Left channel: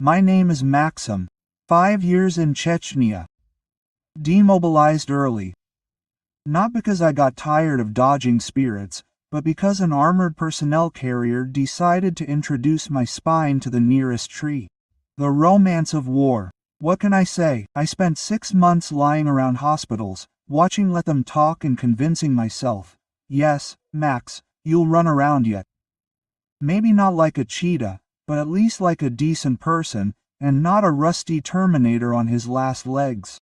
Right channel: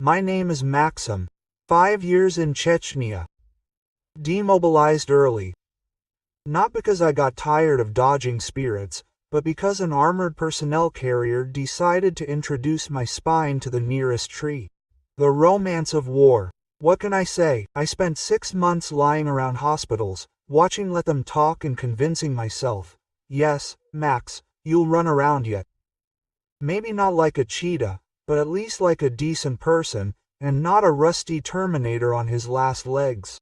My name is Maxim. 5 years in Chechnya. Demobilized early. Not because I got tired of dodging spirits, but because an armored personnel carrier decided to introduce my spine to the nearest tree. The romance of war. What can I say? I spent 6 months lying around hospitals, watching Let Them Talk and convincing myself, yes, Max, you'll run around yet. Maybe not like a cheetah, but at least like a decent person, and not a rusty Terminator on his last legs.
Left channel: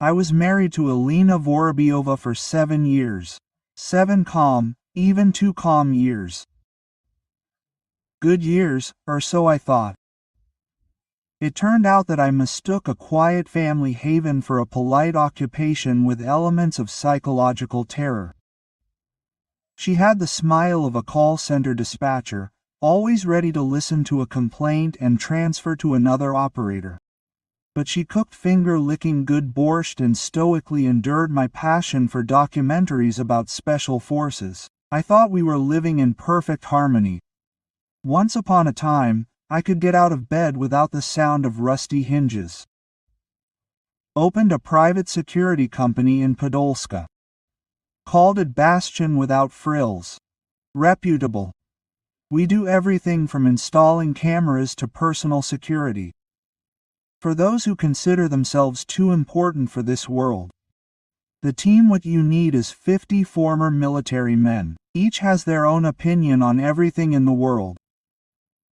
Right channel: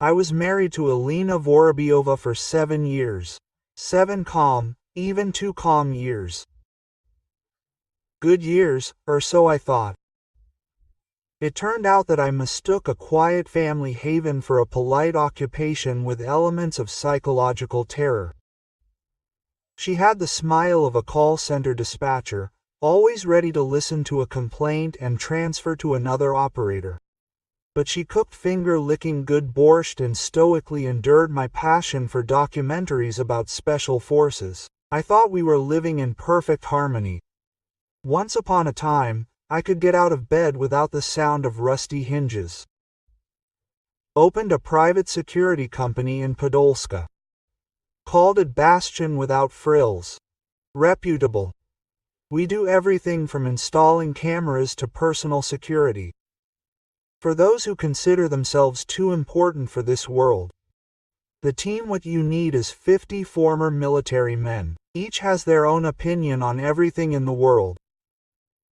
I was married to Elena Vorobyova for 7 years. 7 calm, even 2 calm years. Good years, or so I thought. It turned out that I mistook a quiet family haven for a polite occupation with elements of psychological terror. She had the smile of a call center dispatcher, always ready to listen to a complaint and transfer to another operator. But she cooked finger-licking good borscht and stoically endured my passion for documentaries about special forces. I thought we were living in perfect harmony. Once upon a time, I could get out of bed without the sound of rusty hinges. Opened a private security company in Podolska. Called it Bastion without frills. Reputable. We do everything from installing cameras to personal security. For those who consider themselves too important for this world. The team what you need is 50 former military men. Each has their own opinion on everything in the world.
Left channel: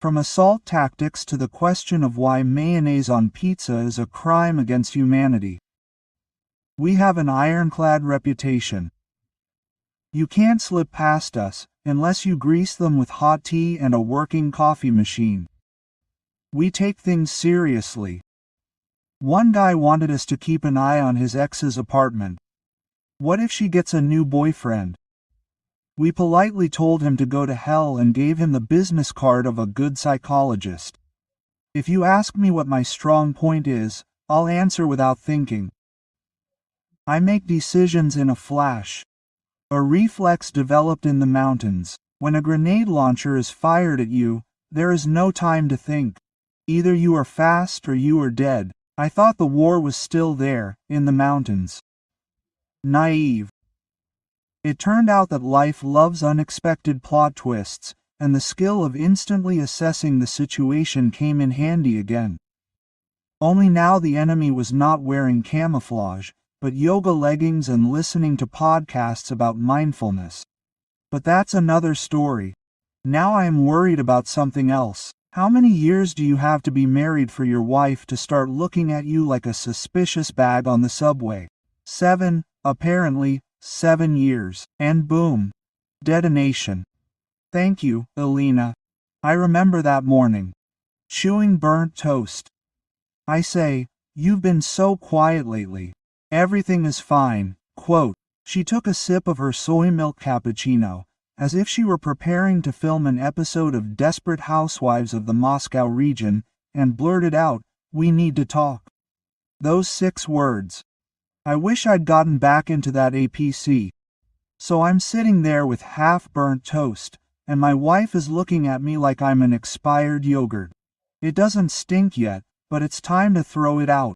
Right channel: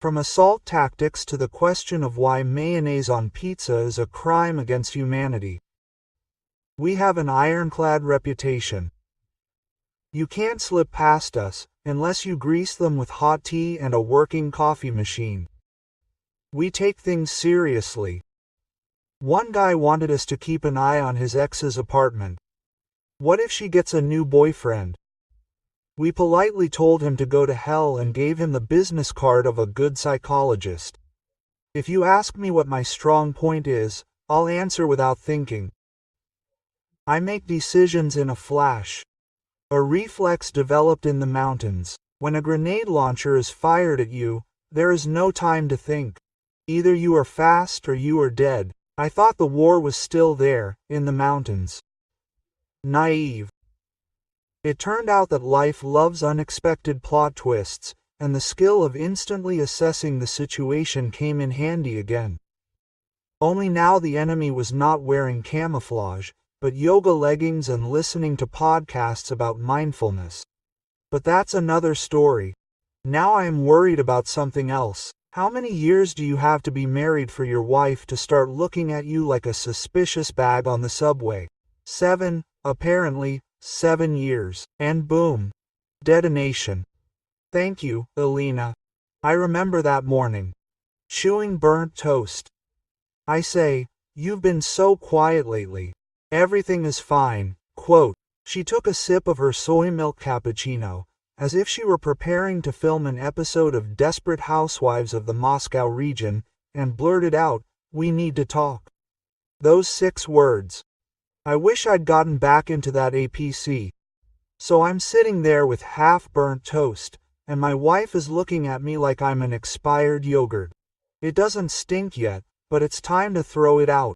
From assault tactics to the question of why mayonnaise on pizza is a crime against humanity. We have an ironclad reputation. You can't slip past us, unless you grease them with hot tea and a working coffee machine. We take things seriously. One guy wanted us to keep an eye on his ex's apartment. What if she gets a new boyfriend? We politely told him to go to hell and gave him the business card of a good psychologist. If you ask me what my strong point is, I'll answer without thinking. I make decisions in a flash. A reflex developed in the mountains. When a grenade launcher is fired at you, there is no time to think. Either you are fast or you are dead. I thought the war was still there, in the mountains. Naive. It turned out that life loves unexpected plot twists, and the skill of instantly assessing the situation came in handy again. Only now the enemy was not wearing camouflage, but yoga leggings and listening to podcasts about mindfulness. But that's another story. Now I am worried about something else. How many years do you have to be married for your wife to start looking at you like a suspicious bag on the subway? 7, apparently, 7 years. And boom. Detonation. Thank you, Elena. I remember that morning. Chewing burnt toast. I say, you've been so quiet lately. Everything is fine. Quote. She took a sip of her soy milk cappuccino, as if she were preparing to film an episode of Desperate Housewives of the Moscow region, and blurted out, "We need to talk." Those 6 words. I wish I'd gotten back into that APC. So I'm sitting there with half-burnt toast, and my wife is looking at me like I'm an expired yogurt. It doesn't stink yet, but it's time to throw it out.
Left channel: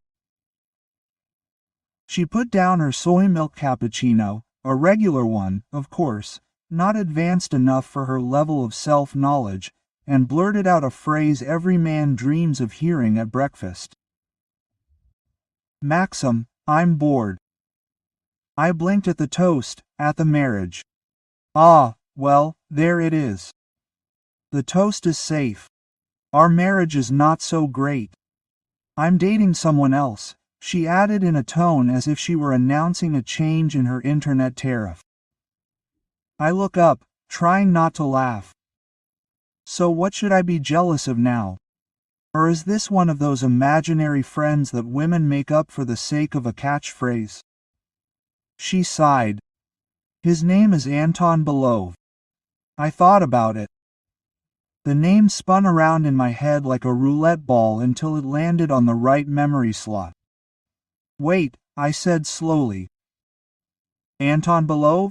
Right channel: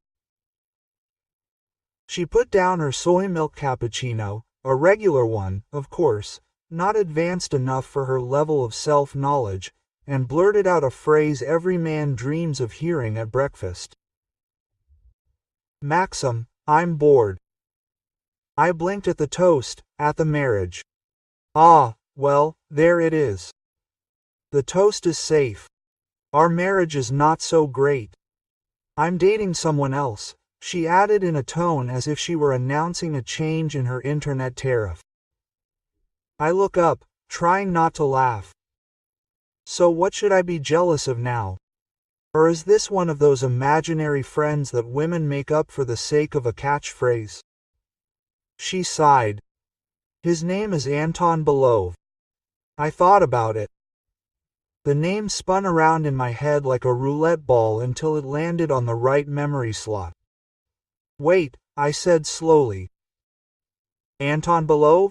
She put down her soy milk cappuccino, a regular one, of course, not advanced enough for her level of self-knowledge, and blurted out a phrase every man dreams of hearing at breakfast. Maxim, I'm bored. I blinked at the toast, at the marriage. Ah, well, there it is. The toast is safe. Our marriage is not so great. I'm dating someone else, she added in a tone as if she were announcing a change in her internet tariff. I look up, trying not to laugh. So what should I be jealous of now? Or is this one of those imaginary friends that women make up for the sake of a catchphrase? She sighed. His name is Anton Belov. I thought about it. The name spun around in my head like a roulette ball until it landed on the right memory slot. Wait, I said slowly. Anton Belov?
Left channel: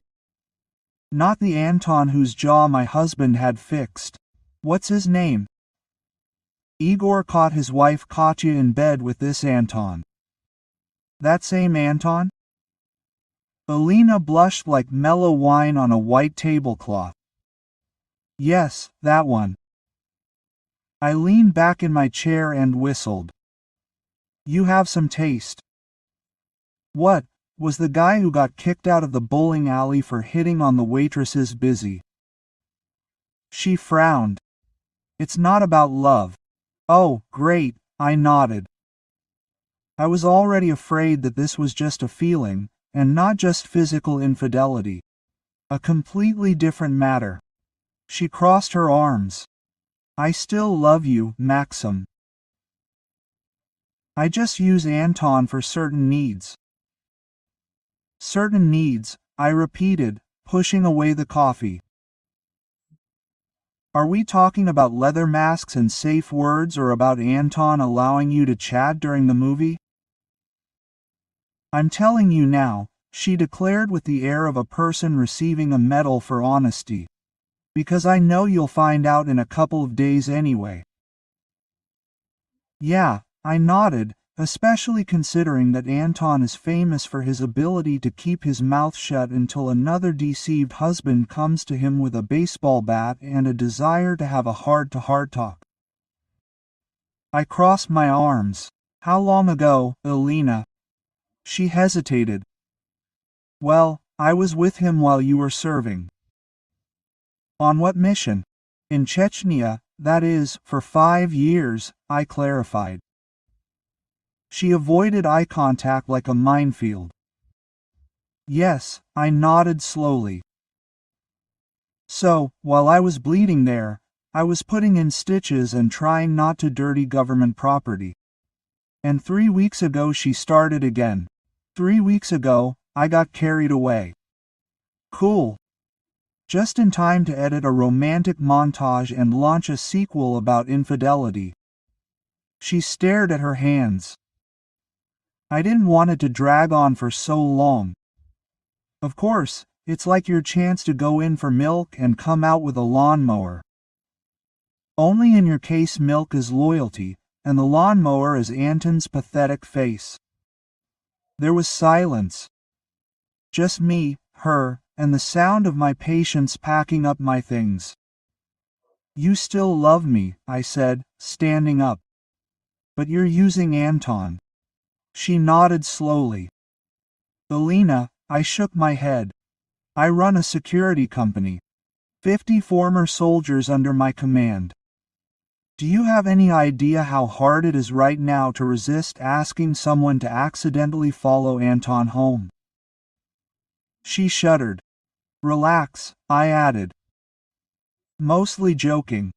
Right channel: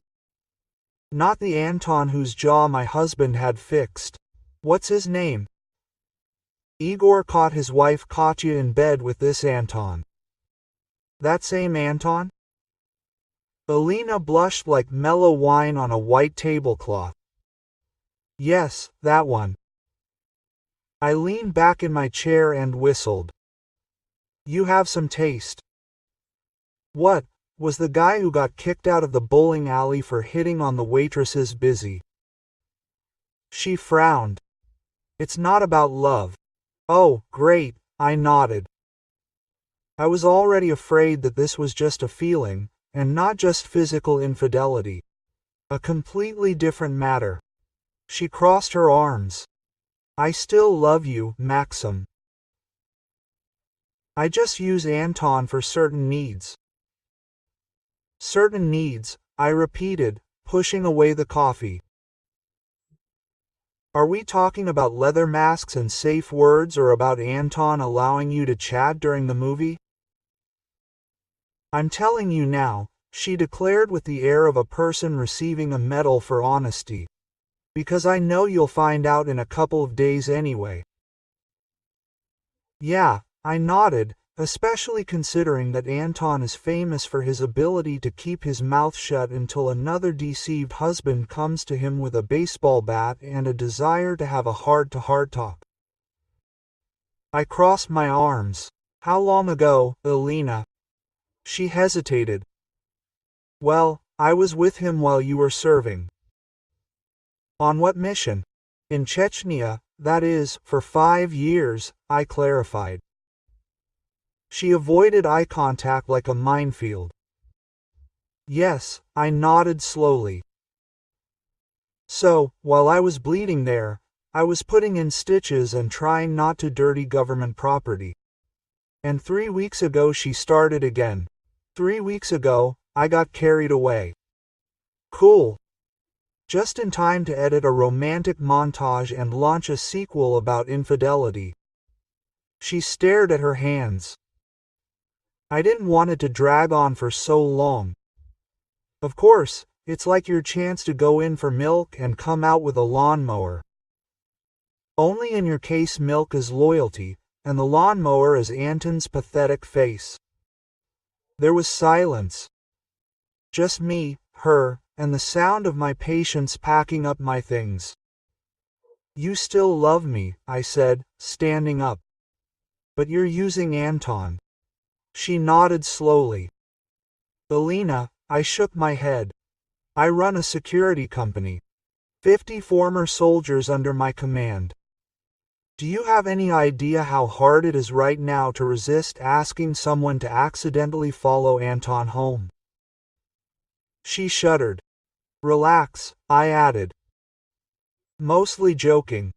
Not the Anton whose jaw my husband had fixed. What's his name? Igor caught his wife Katya in bed with this Anton. That same Anton? Alina blushed like mellow wine on a white tablecloth. Yes, that one. I leaned back in my chair and whistled. You have some taste. What, was the guy who got kicked out of the bowling alley for hitting on the waitresses busy? She frowned. It's not about love. Oh, great, I nodded. I was already afraid that this was just a feeling, and not just physical infidelity. A completely different matter. She crossed her arms. I still love you, Maxim. I just use Anton for certain needs. Certain needs, I repeated, pushing away the coffee. Are we talking about leather masks and safe words or about Anton allowing you to chat during the movie? I'm telling you now, she declared with the air of a person receiving a medal for honesty. Because I know you'll find out in a couple of days anyway. Yeah, I nodded, especially considering that Anton is famous for his ability to keep his mouth shut until another deceived husband comes to him with a baseball bat and a desire to have a heart-to-heart talk. I crossed my arms. How long ago, Alina? She hesitated. Well, I was with him while you were serving. On what mission? In Chechnya, that is, for 5 years, I clarified. She avoided eye contact like a minefield. Yes, I nodded slowly. So, while I was bleeding there, I was putting in stitches and trying not to dirty government property. And 3 weeks ago she started again. 3 weeks ago, I got carried away. Cool. Just in time to edit a romantic montage and launch a sequel about infidelity. She stared at her hands. I didn't want it to drag on for so long. Of course, it's like your chance to go in for milk and come out with a lawnmower. Only in your case milk is loyalty, and the lawnmower is Anton's pathetic face. There was silence. Just me, her, and the sound of my patients packing up my things. You still love me, I said, standing up. But you're using Anton. She nodded slowly. Alina, I shook my head. I run a security company. 50 former soldiers under my command. Do you have any idea how hard it is right now to resist asking someone to accidentally follow Anton home? She shuddered. Relax, I added. Mostly joking.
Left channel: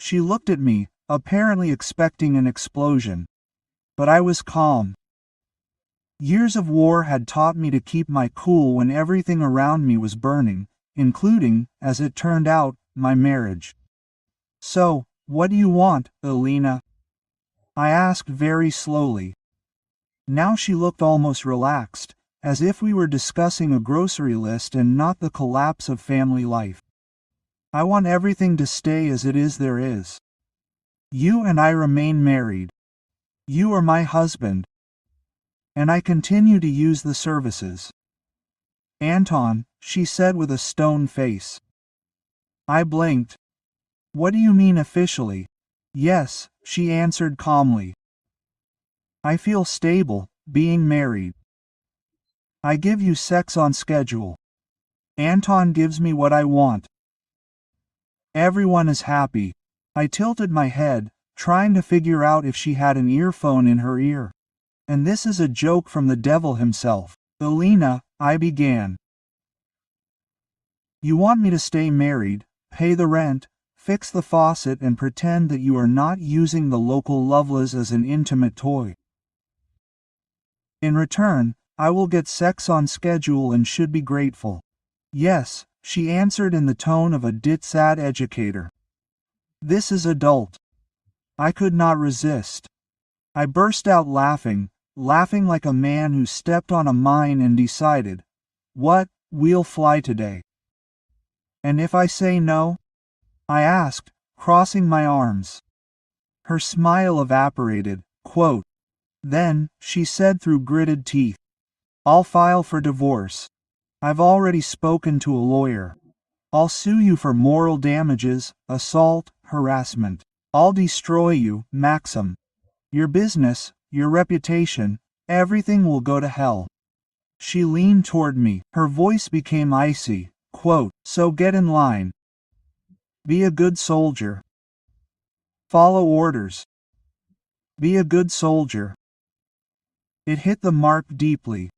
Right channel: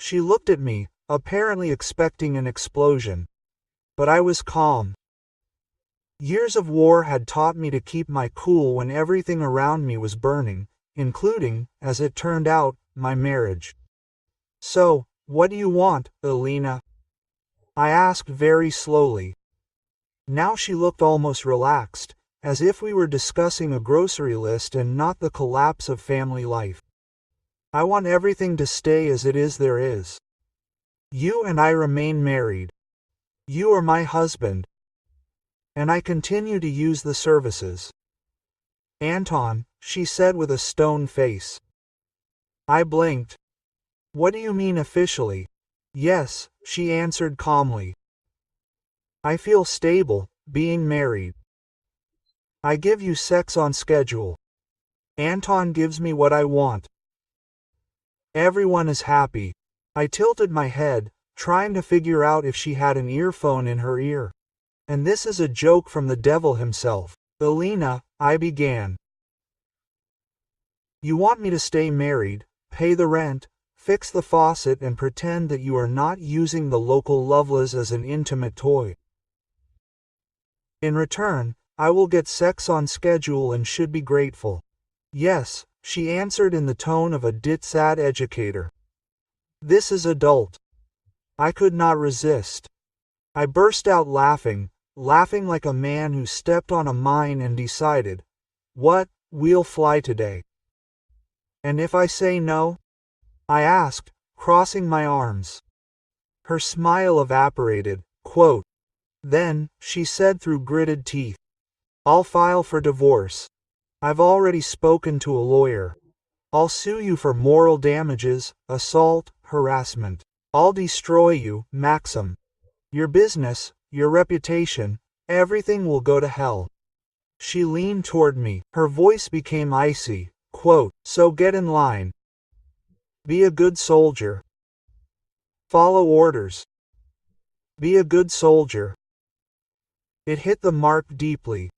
She looked at me, apparently expecting an explosion. But I was calm. Years of war had taught me to keep my cool when everything around me was burning, including, as it turned out, my marriage. So, what do you want, Alina? I asked very slowly. Now she looked almost relaxed, as if we were discussing a grocery list and not the collapse of family life. I want everything to stay as it is there is. You and I remain married. You are my husband. And I continue to use the services. Anton, she said with a stone face. I blinked. What do you mean officially? Yes, she answered calmly. I feel stable, being married. I give you sex on schedule. Anton gives me what I want. Everyone is happy. I tilted my head, trying to figure out if she had an earphone in her ear. And this is a joke from the devil himself. Alina, I began. You want me to stay married, pay the rent, fix the faucet and pretend that you are not using the local Loveless as an intimate toy. In return, I will get sex on schedule and should be grateful. Yes, she answered in the tone of a DitSat educator. This is adult. I could not resist. I burst out laughing like a man who stepped on a mine and decided, what, we'll fly today. And if I say no? I asked, crossing my arms. Her smile evaporated. Quote, "Then," she said through gritted teeth, "I'll file for divorce. I've already spoken to a lawyer. I'll sue you for moral damages, assault, harassment. I'll destroy you, Maxim. Your business, your reputation, everything will go to hell." She leaned toward me. Her voice became icy. Quote, "So get in line. Be a good soldier. Follow orders. Be a good soldier." It hit the mark deeply.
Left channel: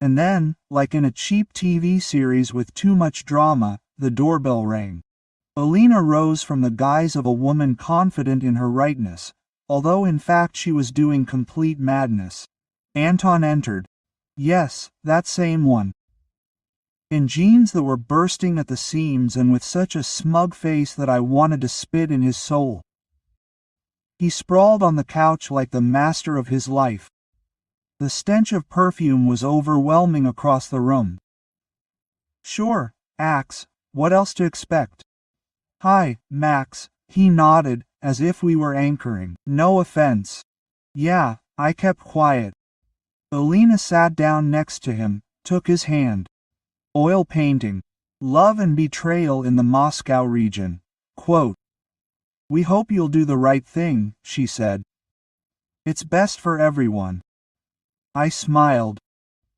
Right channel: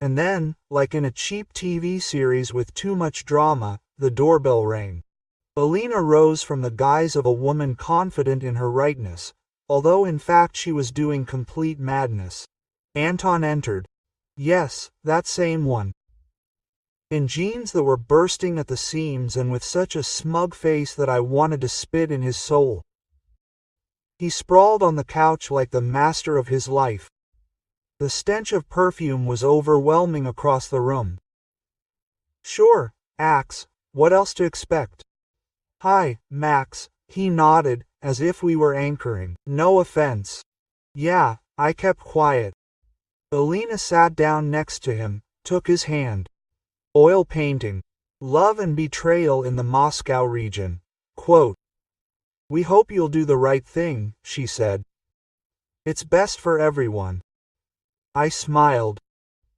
And then, like in a cheap TV series with too much drama, the doorbell rang. Alina rose from the guise of a woman confident in her rightness, although in fact she was doing complete madness. Anton entered. Yes, that same one. In jeans that were bursting at the seams and with such a smug face that I wanted to spit in his soul. He sprawled on the couch like the master of his life. The stench of perfume was overwhelming across the room. "Sure, Axe, what else to expect?" "Hi, Max," he nodded, as if we were anchoring. "No offense." Yeah, I kept quiet. Alina sat down next to him, took his hand. Oil painting. Love and betrayal in the Moscow region. Quote, "We hope you'll do the right thing," she said. "It's best for everyone." I smiled.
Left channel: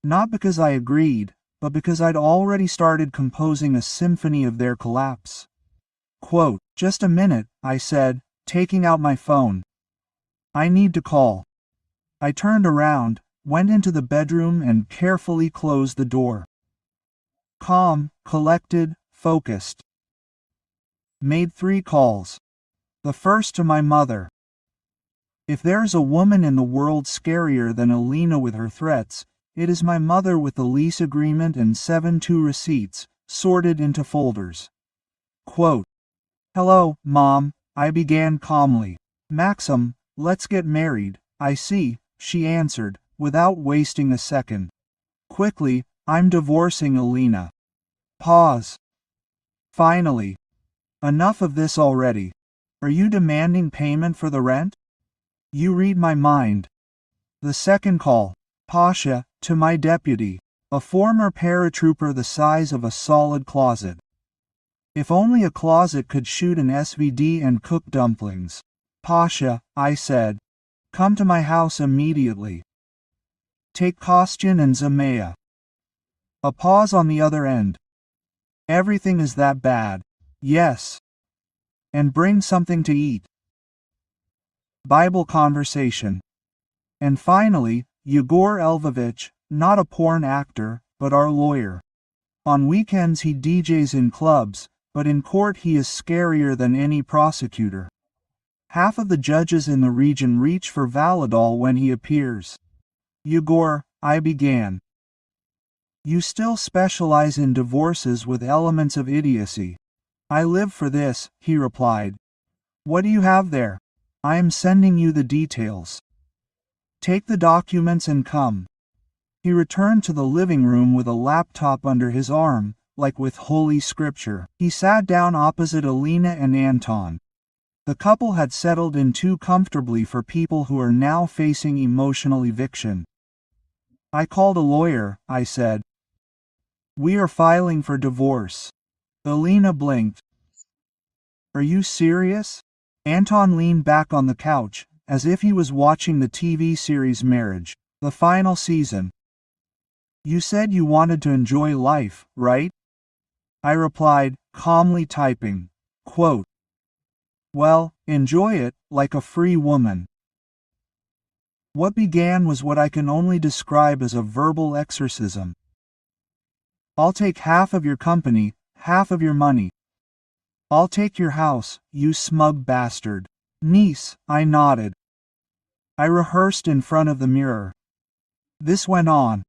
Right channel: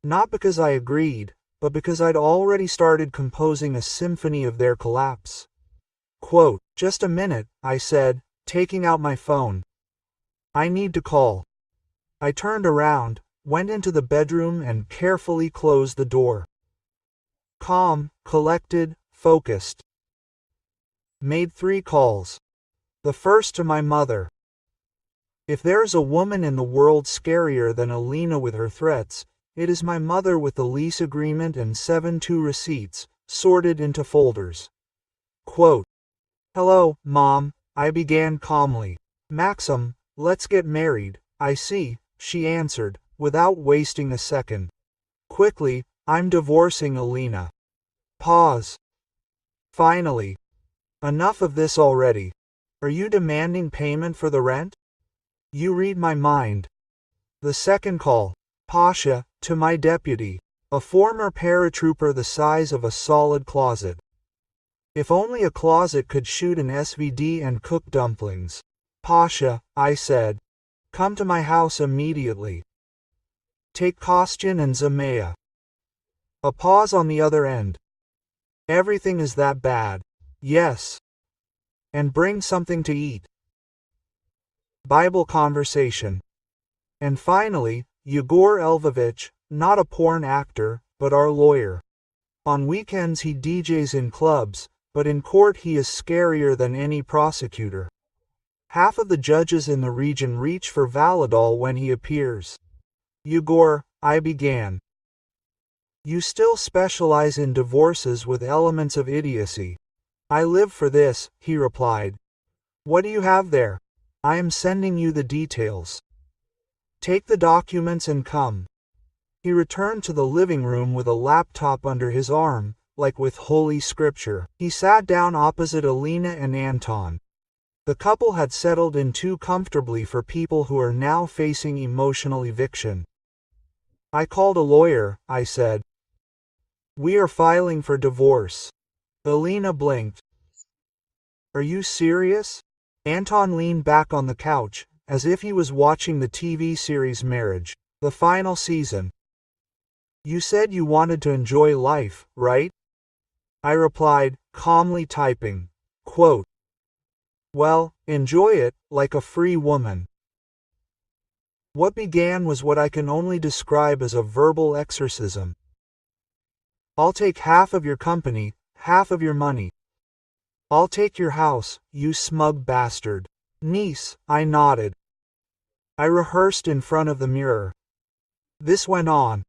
Not because I agreed, but because I'd already started composing a symphony of their collapse. Quote, "Just a minute," I said, taking out my phone. "I need to call." I turned around, went into the bedroom and carefully closed the door. Calm, collected, focused. Made 3 calls. The first to my mother. If there's a woman in the world scarier than Alina with her threats, it is my mother with the lease agreement and 7-2 receipts, sorted into folders. Quote, "Hello, Mom," I began calmly. "Maxim, let's get married, I see," she answered, without wasting a second. Quickly, "I'm divorcing Alina." Pause. Finally. "Enough of this already. Are you demanding payment for the rent?" You read my mind. The second call. Pasha, to my deputy, a former paratrooper the size of a solid closet. If only a closet could shoot an SVD and cook dumplings. "Pasha," I said, "come to my house immediately. Take Kostyan and Zamaya." A pause on the other end. "Everything is that bad?" "Yes." "And bring something to eat." Bible conversation. And finally, Yegor Elvovich, not a porn actor, but our lawyer. On weekends he DJs in clubs, but in court he is scarier than any prosecutor. Half of the judges in the region reach for Valadol when he appears. "Yegor," I began. "You still specialize in divorces with elements of idiocy." "I live for this," he replied. "What do you have there?" "I am sending you the details. Take the documents and come." He returned to the living room with a laptop under his arm, like with Holy Scripture. He sat down opposite Alina and Anton. The couple had settled in too comfortably for people who are now facing emotional eviction. "I called a lawyer," I said. "We are filing for divorce." Alina blinked. "Are you serious?" Anton leaned back on the couch, as if he was watching the TV series Marriage, the final season. "You said you wanted to enjoy life, right?" I replied, calmly typing. Quote, "Well, enjoy it, like a free woman." What began was what I can only describe as a verbal exorcism. "I'll take half of your company, half of your money. I'll take your house, you smug bastard." "Niece," I nodded. I rehearsed in front of the mirror. This went on.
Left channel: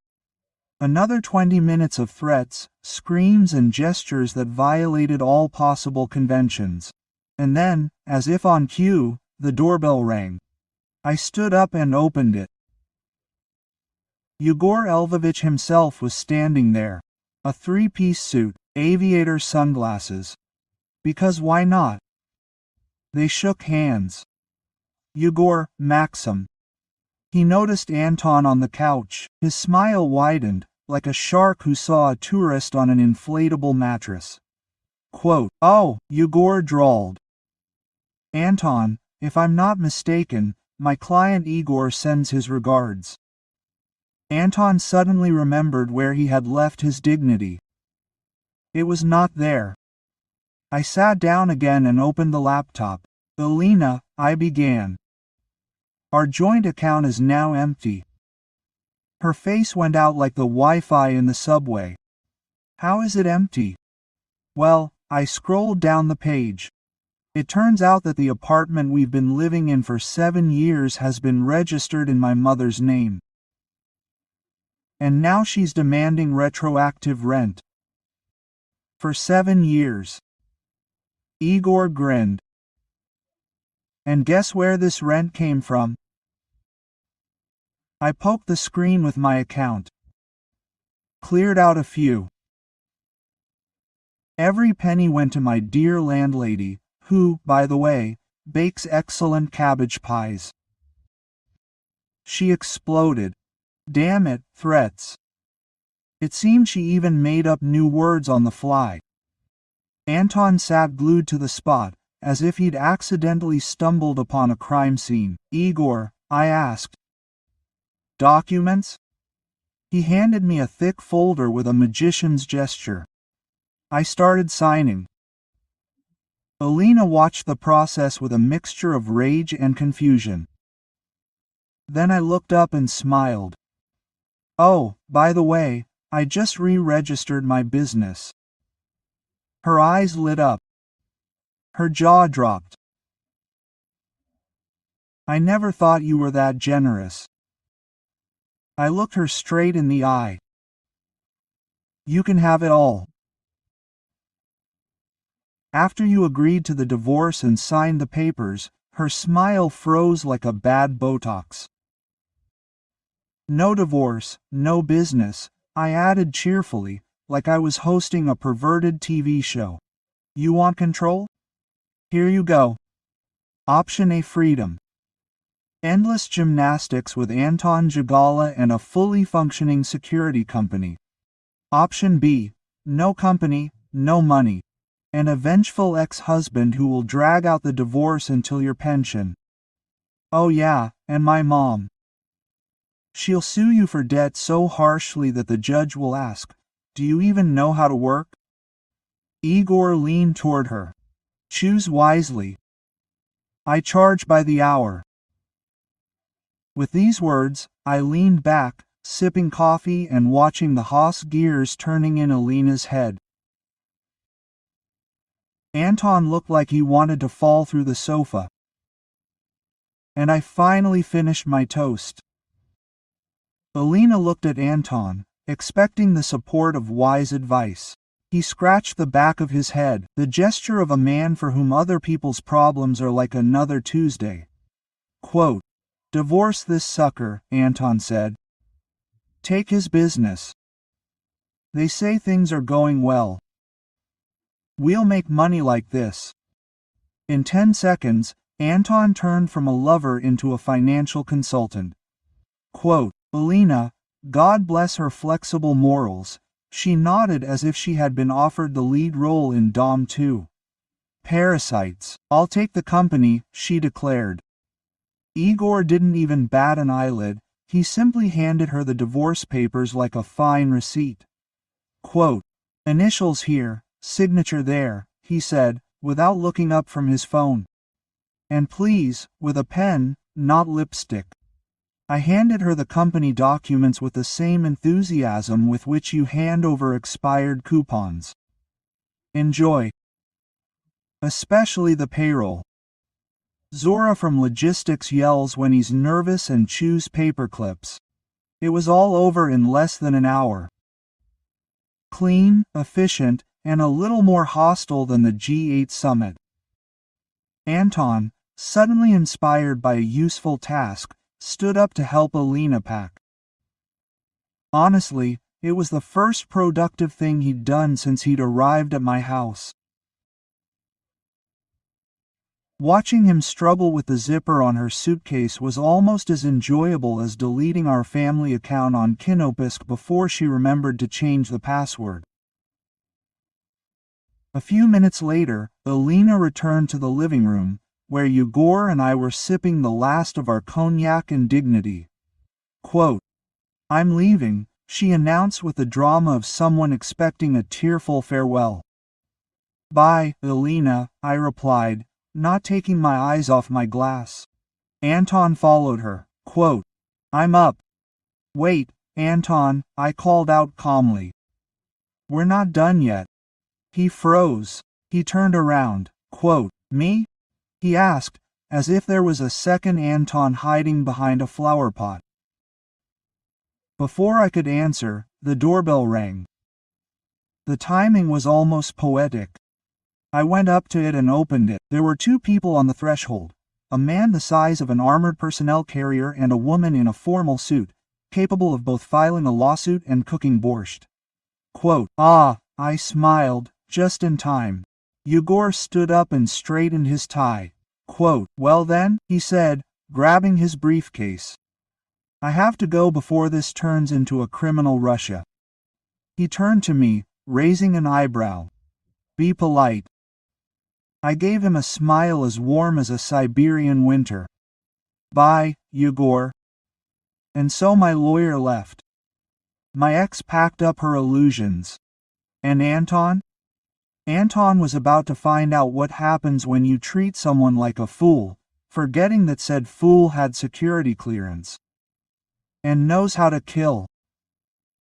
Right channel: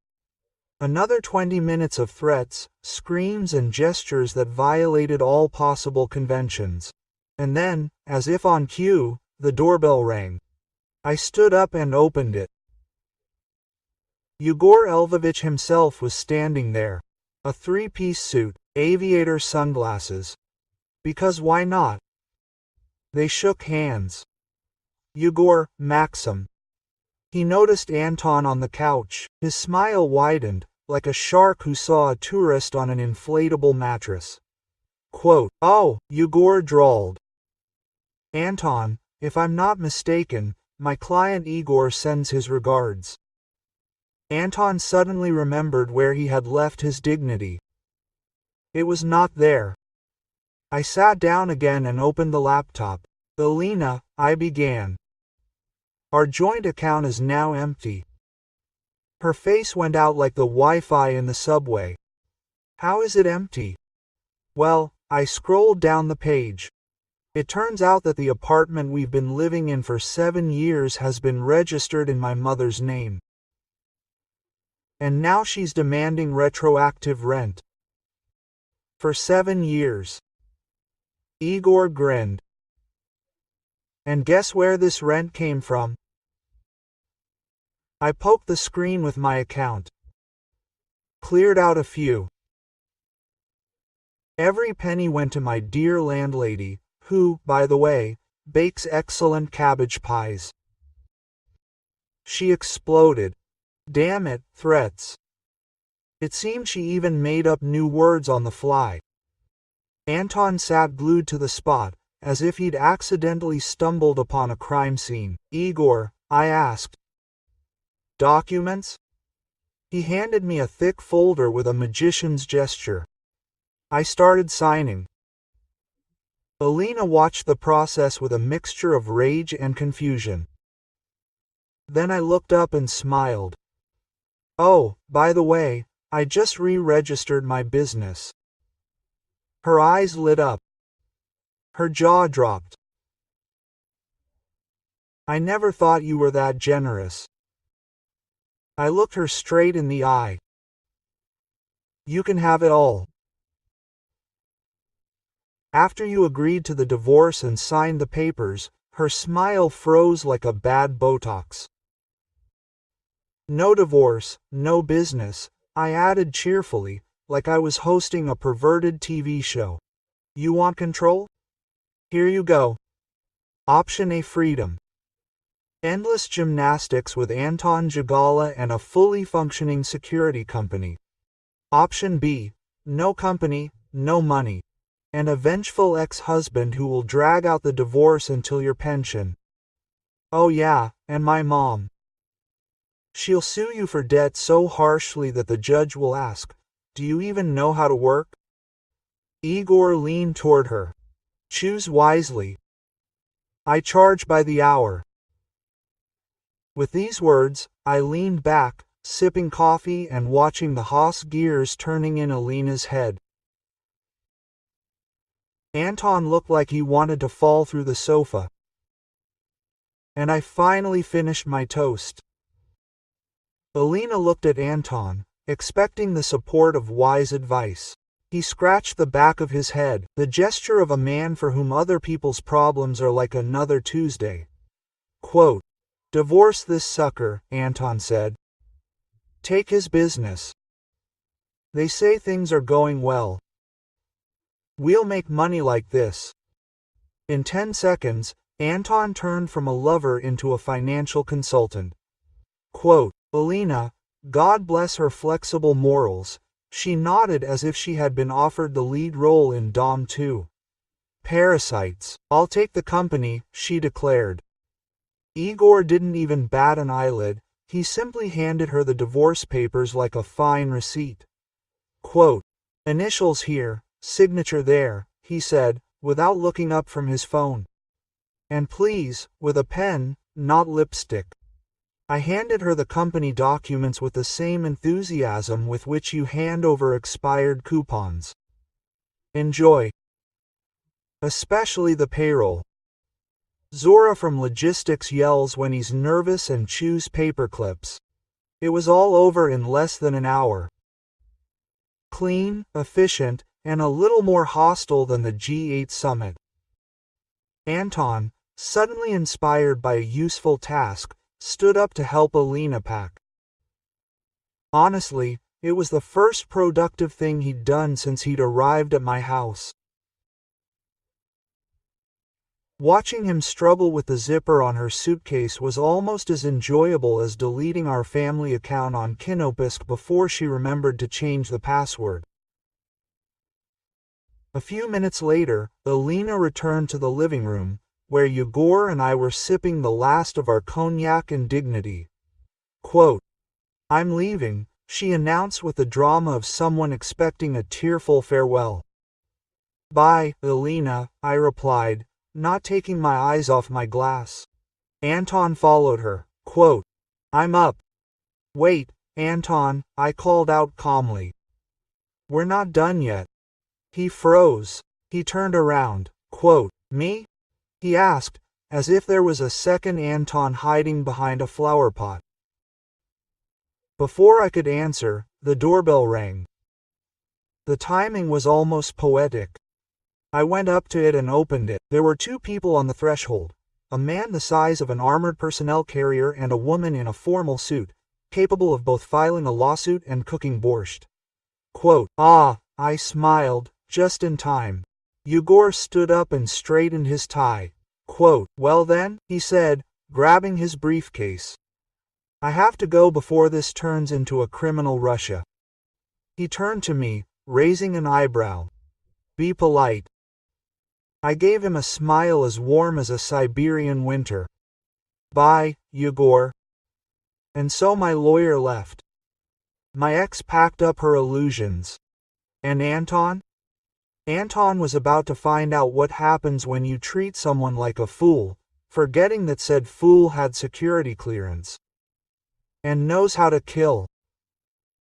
Another 20 minutes of threats, screams and gestures that violated all possible conventions. And then, as if on cue, the doorbell rang. I stood up and opened it. Yegor Elvovich himself was standing there. A 3-piece suit, aviator sunglasses. Because why not? They shook hands. Yegor, Maxim. He noticed Anton on the couch. His smile widened, like a shark who saw a tourist on an inflatable mattress. Quote, "Oh," Yegor drawled. "Anton, if I'm not mistaken, my client Igor sends his regards." Anton suddenly remembered where he had left his dignity. It was not there. I sat down again and opened the laptop. "Elena," I began. "Our joint account is now empty." Her face went out like the Wi-Fi in the subway. "How is it empty?" "Well," I scrolled down the page. "It turns out that the apartment we've been living in for 7 years has been registered in my mother's name. And now she's demanding retroactive rent. For 7 years." Igor grinned. "And guess where this rent came from?" I poked the screen with my account. Cleared out a few. Every penny went to my dear landlady, who, by the way, bakes excellent cabbage pies. She exploded. Damn it, threats. It seemed she even made up new words on the fly. Anton sat glued to the spot, as if he'd accidentally stumbled upon a crime scene. "Igor," I asked. "Documents?" He handed me a thick folder with a magician's gesture. I started signing. Elena watched the process with a mixture of rage and confusion. Then I looked up and smiled. "Oh, by the way, I just re-registered my business." Her eyes lit up. Her jaw dropped. "I never thought you were that generous." I looked her straight in the eye. "You can have it all." After you agreed to the divorce and signed the papers, her smile froze like a bad Botox. "No divorce, no business," I added cheerfully, like I was hosting a perverted TV show. "You want control? Here you go. Option A, freedom. Endless gymnastics with Anton Jagala and a fully functioning security company. Option B, no company, no money. An a vengeful ex-husband who will drag out the divorce until your pension. Oh yeah, and my mom. She'll sue you for debt so harshly that the judge will ask, 'Do you even know how to work?'" Igor leaned toward her. "Choose wisely. I charge by the hour." With these words, I leaned back, sipping coffee and watching the Haas gears turning in Elena's head. Anton looked like he wanted to fall through the sofa. And I finally finished my toast. Elena looked at Anton, expecting the support of wise advice. He scratched the back of his head, the gesture of a man for whom other people's problems are like another Tuesday. Quote, "Divorce this sucker," Anton said. "Take his business. They say things are going well. We'll make money like this." In 10 seconds, Anton turned from a lover into a financial consultant. Quote, "Elena, God bless her flexible morals," she nodded as if she had been offered the lead role in Dom 2. "Parasites. I'll take the company," she declared. Igor didn't even bat an eyelid, he simply handed her the divorce papers like a fine receipt. Quote, "Initials here, signature there," he said, without looking up from his phone. "And please, with a pen, not lipstick." I handed her the company documents with the same enthusiasm with which you hand over expired coupons. "Enjoy. Especially the payroll." Zora from logistics yells when he's nervous and chews paper clips. It was all over in less than an hour. Clean, efficient, and a little more hostile than the G8 summit. Anton, suddenly inspired by a useful task, stood up to help Elena pack. Honestly, it was the first productive thing he'd done since he'd arrived at my house. Watching him struggle with the zipper on her suitcase was almost as enjoyable as deleting our family account on Kinopisk before she remembered to change the password. A few minutes later, Alina returned to the living room, where Yegor and I were sipping the last of our cognac and dignity. Quote, "I'm leaving," she announced with the drama of someone expecting a tearful farewell. "Bye, Alina," I replied, not taking my eyes off my glass. Anton followed her. Quote, "I'm up." "Wait, Anton," I called out calmly. "We're not done yet." He froze. He turned around. Quote, "Me?" he asked, as if there was a second Anton hiding behind a flower pot. Before I could answer, the doorbell rang. The timing was almost poetic. I went up to it and opened it. There were two people on the threshold, a man the size of an armored personnel carrier and a woman in a formal suit, capable of both filing a lawsuit and cooking borscht. Quote, "Ah," I smiled, just in time. Yegor stood up and straightened his tie. Quote, "Well then," he said, grabbing his briefcase. "I have to go before this turns into a criminal Russia." He turned to me, raising an eyebrow. "Be polite." I gave him a smile as warm as a Siberian winter. "Bye, Yegor." And so my lawyer left. My ex packed up her illusions. And Anton? Anton was about to find out what happens when you treat someone like a fool, forgetting that said fool had security clearance. And knows how to kill.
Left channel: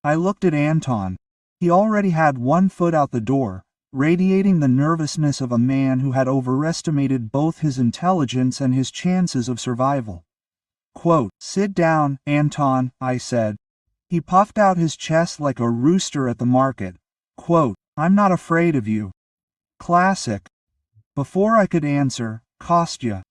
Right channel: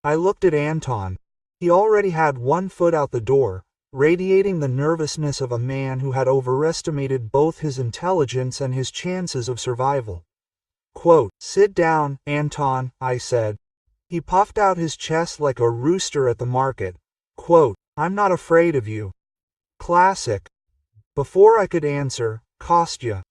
I looked at Anton. He already had one foot out the door, radiating the nervousness of a man who had overestimated both his intelligence and his chances of survival. Quote, "Sit down, Anton," I said. He puffed out his chest like a rooster at the market. Quote, "I'm not afraid of you." Classic. Before I could answer, Kostya.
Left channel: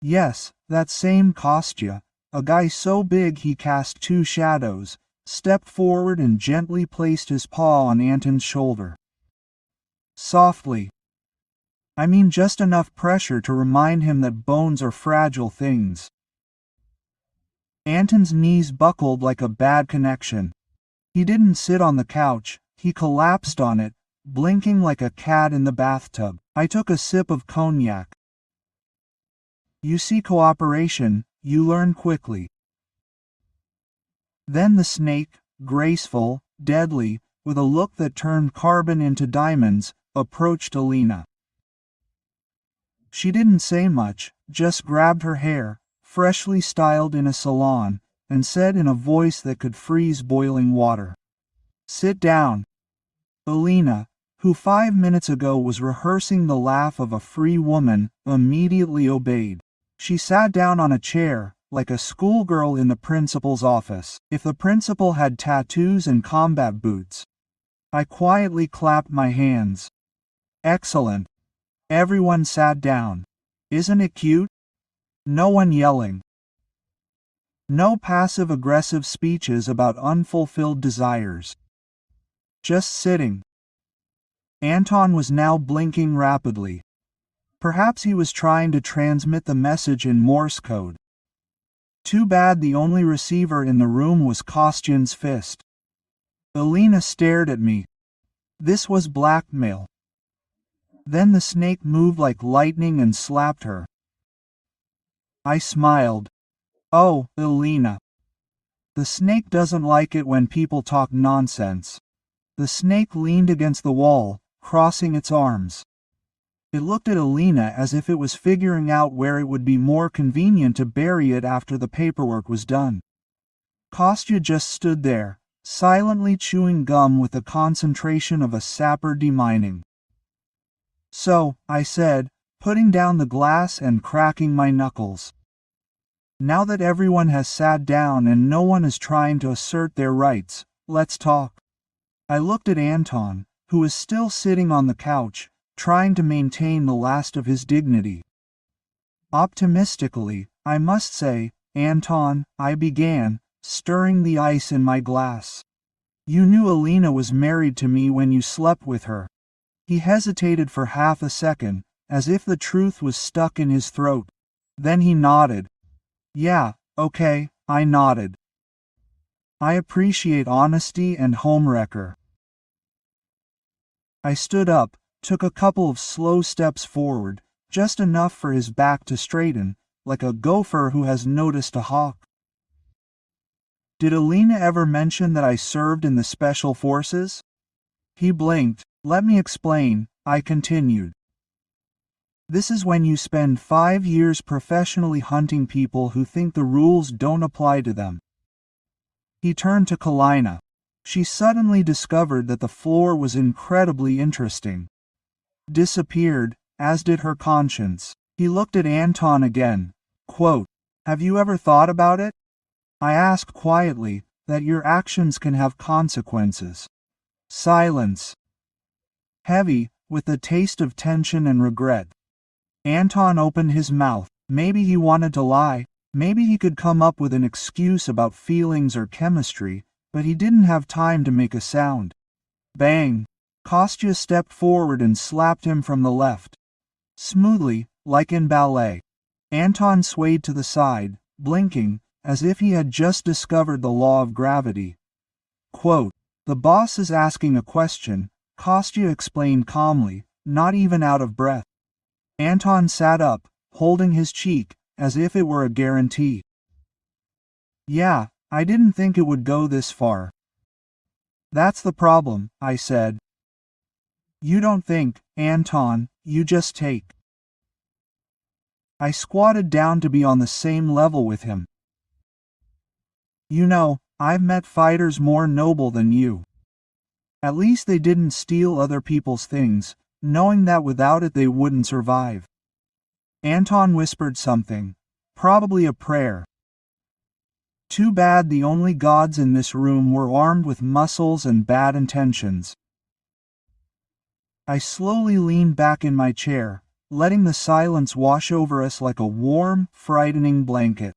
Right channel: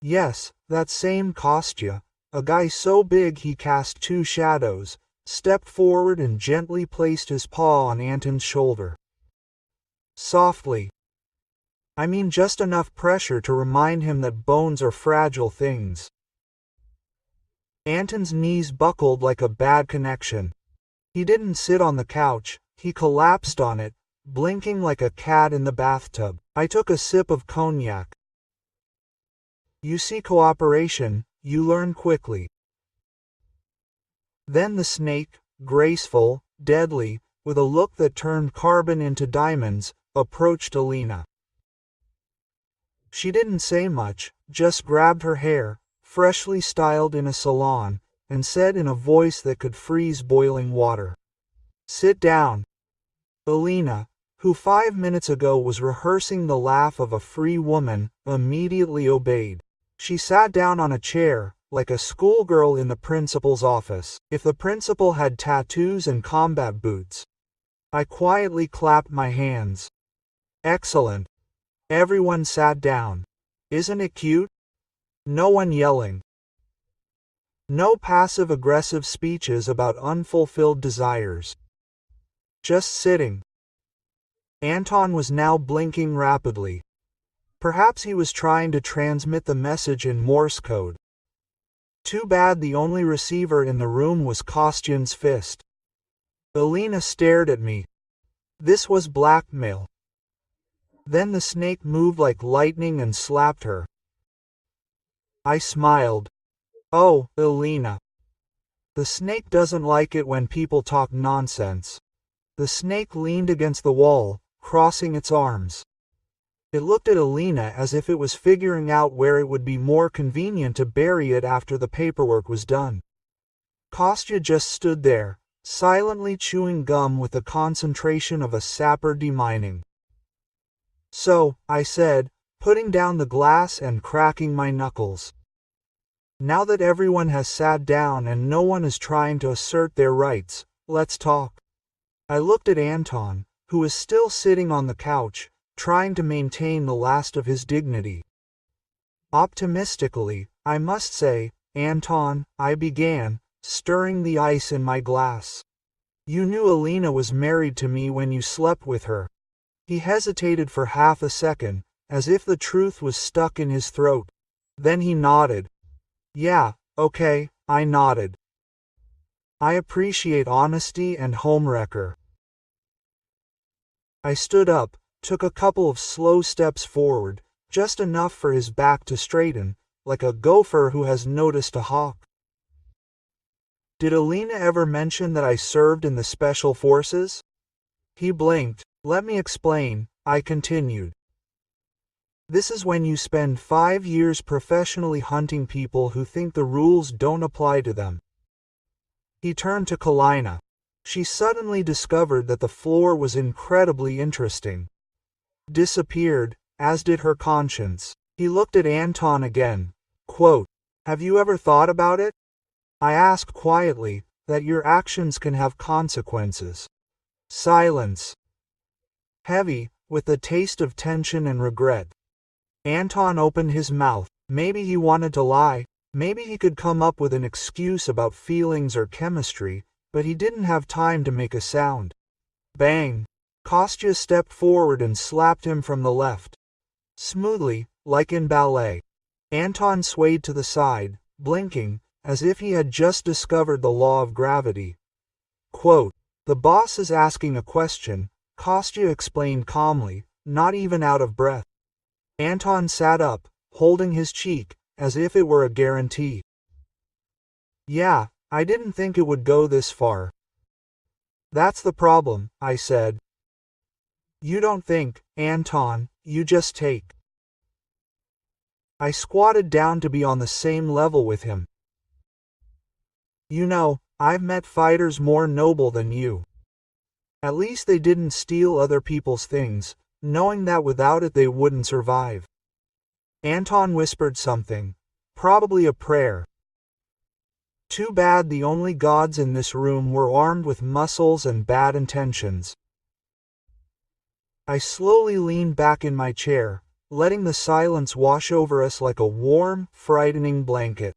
Yes, that same Kostya, a guy so big he cast two shadows, stepped forward and gently placed his paw on Anton's shoulder. Softly. I mean just enough pressure to remind him that bones are fragile things. Anton's knees buckled like a bad connection. He didn't sit on the couch, he collapsed on it, blinking like a cat in the bathtub. I took a sip of cognac. You see, cooperation, you learn quickly. Then the snake, graceful, deadly, with a look that turned carbon into diamonds, approached Alina. She didn't say much, just grabbed her hair, freshly styled in a salon, and said in a voice that could freeze boiling water, "Sit down." Alina, who 5 minutes ago was rehearsing the laugh of a free woman, immediately obeyed. She sat down on a chair, like a schoolgirl in the principal's office. If the principal had tattoos and combat boots. I quietly clapped my hands. Excellent. Everyone sat down. Isn't it cute? No one yelling. No passive-aggressive speeches about unfulfilled desires. Just sitting. Anton was now blinking rapidly. Perhaps he was trying to transmit the message in Morse code. Too bad the only receiver in the room was Kostyan's fist. Alina stared at me. This was blackmail. Then the snake moved like lightning and slapped her. I smiled. Oh, Alina. The snake doesn't like it when people talk nonsense. The snake leaned against the wall, crossing its arms. It looked at Alina as if it was figuring out where it would be more convenient to bury it after the paperwork was done. Kostya just stood there, silently chewing gum with the concentration of a sapper demining. So, I said, putting down the glass and cracking my knuckles. Now that everyone has sat down and no one is trying to assert their rights, let's talk. I looked at Anton, who was still sitting on the couch, trying to maintain the last of his dignity. Optimistically, I must say, Anton, I began, stirring the ice in my glass. You knew Alina was married to me when you slept with her. He hesitated for half a second, as if the truth was stuck in his throat. Then he nodded. Yeah, okay, I nodded. I appreciate honesty and homewrecker. I stood up, took a couple of slow steps forward, just enough for his back to straighten, like a gopher who has noticed a hawk. Did Alina ever mention that I served in the special forces? He blinked. Let me explain, I continued. This is when you spend 5 years professionally hunting people who think the rules don't apply to them. He turned to Kalina. She suddenly discovered that the floor was incredibly interesting. Disappeared, as did her conscience. He looked at Anton again. Quote, have you ever thought about it? I asked quietly, that your actions can have consequences. Silence. Heavy, with the taste of tension and regret. Anton opened his mouth. Maybe he wanted to lie. Maybe he could come up with an excuse about feelings or chemistry, but he didn't have time to make a sound. Bang! Kostya stepped forward and slapped him from the left. Smoothly, like in ballet. Anton swayed to the side, blinking, as if he had just discovered the law of gravity. Quote, the boss is asking a question, Kostya explained calmly, not even out of breath. Anton sat up, holding his cheek, as if it were a guarantee. Yeah, I didn't think it would go this far. That's the problem, I said. You don't think, Anton, you just take. I squatted down to be on the same level with him. You know, I've met fighters more noble than you. At least they didn't steal other people's things, knowing that without it they wouldn't survive. Anton whispered something, probably a prayer. Too bad the only gods in this room were armed with muscles and bad intentions. I slowly leaned back in my chair, letting the silence wash over us like a warm, frightening blanket.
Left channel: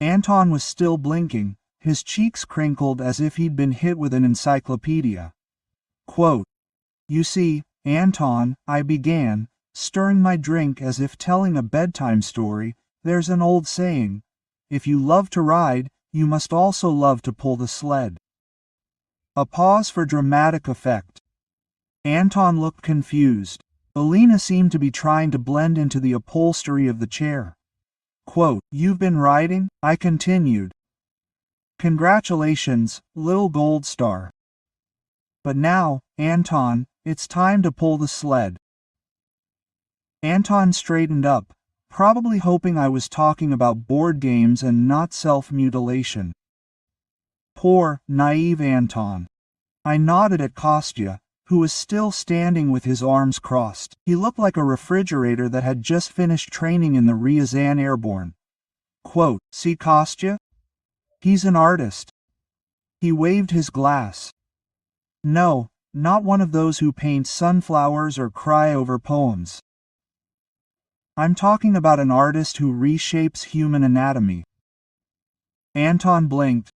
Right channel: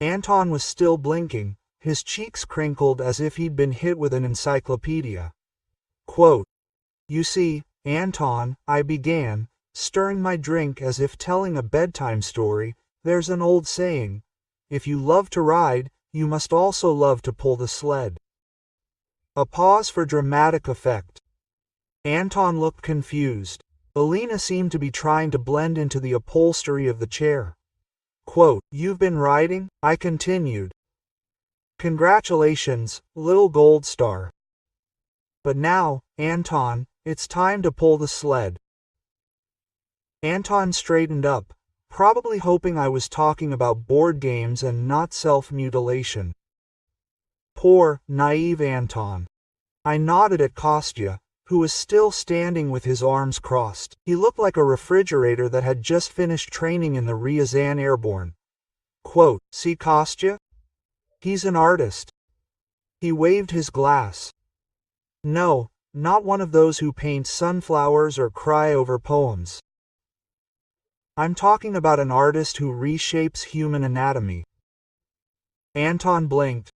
Anton was still blinking, his cheeks crinkled as if he'd been hit with an encyclopedia. Quote, you see, Anton, I began, stirring my drink as if telling a bedtime story. There's an old saying, if you love to ride, you must also love to pull the sled. A pause for dramatic effect. Anton looked confused. Alina seemed to be trying to blend into the upholstery of the chair. Quote, you've been riding? I continued. Congratulations, little gold star. But now, Anton, it's time to pull the sled. Anton straightened up, probably hoping I was talking about board games and not self-mutilation. Poor, naive Anton. I nodded at Kostya, who was still standing with his arms crossed. He looked like a refrigerator that had just finished training in the Ryazan Airborne. Quote, see Kostya? He's an artist. He waved his glass. No, not one of those who paint sunflowers or cry over poems. I'm talking about an artist who reshapes human anatomy. Anton blinked.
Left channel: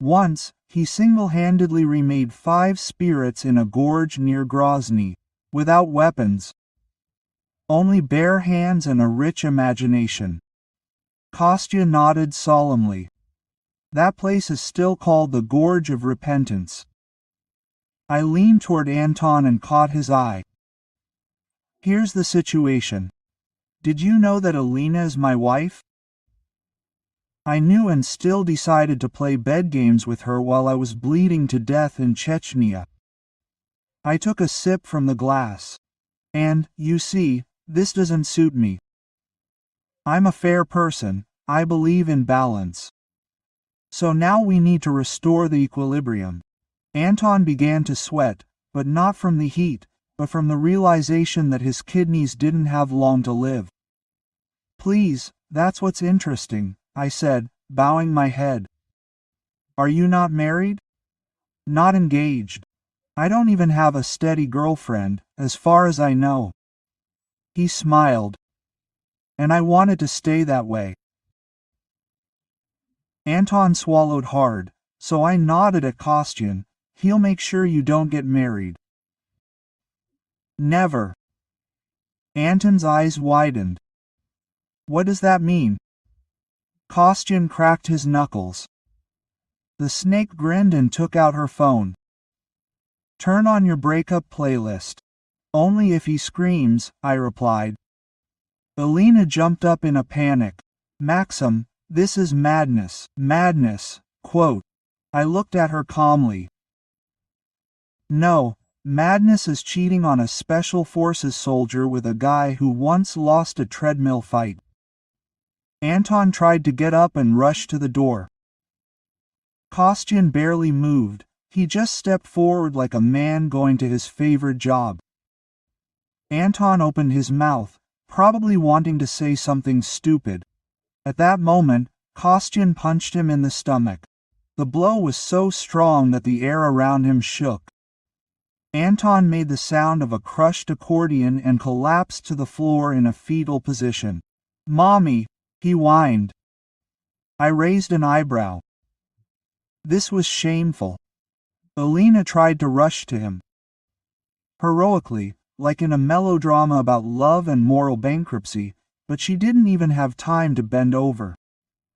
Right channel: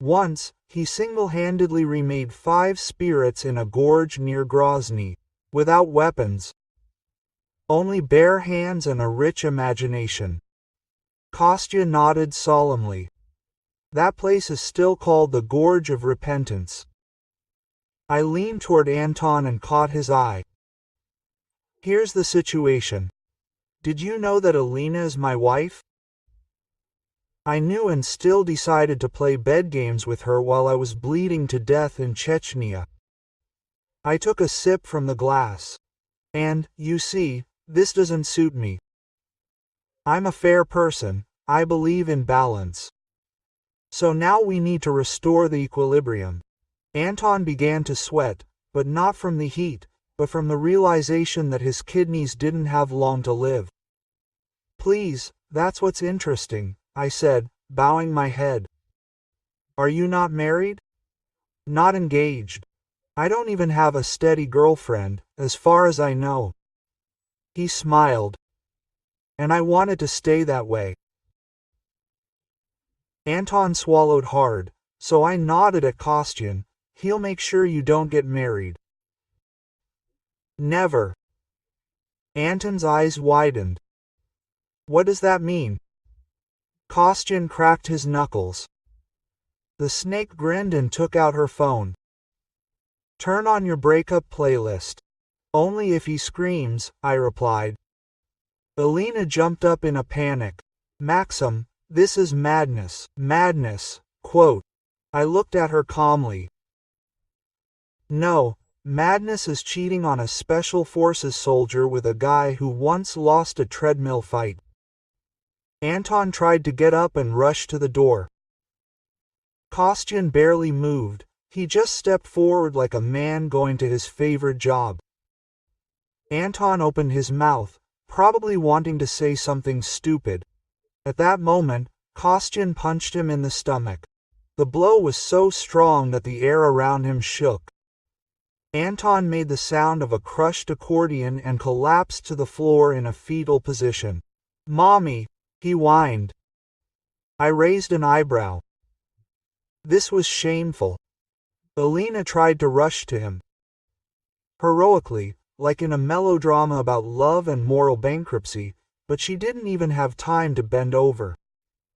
Once, he single-handedly remade 5 spirits in a gorge near Grozny, without weapons. Only bare hands and a rich imagination. Kostya nodded solemnly. That place is still called the Gorge of Repentance. I leaned toward Anton and caught his eye. Here's the situation. Did you know that Alina is my wife? I knew and still decided to play bed games with her while I was bleeding to death in Chechnya. I took a sip from the glass. And, you see, this doesn't suit me. I'm a fair person, I believe in balance. So now we need to restore the equilibrium. Anton began to sweat, but not from the heat, but from the realization that his kidneys didn't have long to live. Please, that's what's interesting, I said, bowing my head. Are you not married? Not engaged. I don't even have a steady girlfriend, as far as I know. He smiled. And I wanted to stay that way. Anton swallowed hard, so I nodded at Kostyan. He'll make sure you don't get married. Never. Anton's eyes widened. What does that mean? Kostyan cracked his knuckles. The snake grinned and took out her phone. Turn on your breakup playlist. Only if he screams, I replied. Alina jumped up in a panic. Maxim, this is madness. Madness, quote. I looked at her calmly. No, madness is cheating on a special forces soldier with a guy who once lost a treadmill fight. Anton tried to get up and rush to the door. Kostyan barely moved. He just stepped forward like a man going to his favorite job. Anton opened his mouth, probably wanting to say something stupid. At that moment, Kostyan punched him in the stomach. The blow was so strong that the air around him shook. Anton made the sound of a crushed accordion and collapsed to the floor in a fetal position. Mommy, he whined. I raised an eyebrow. This was shameful. Alina tried to rush to him. Heroically, like in a melodrama about love and moral bankruptcy, but she didn't even have time to bend over.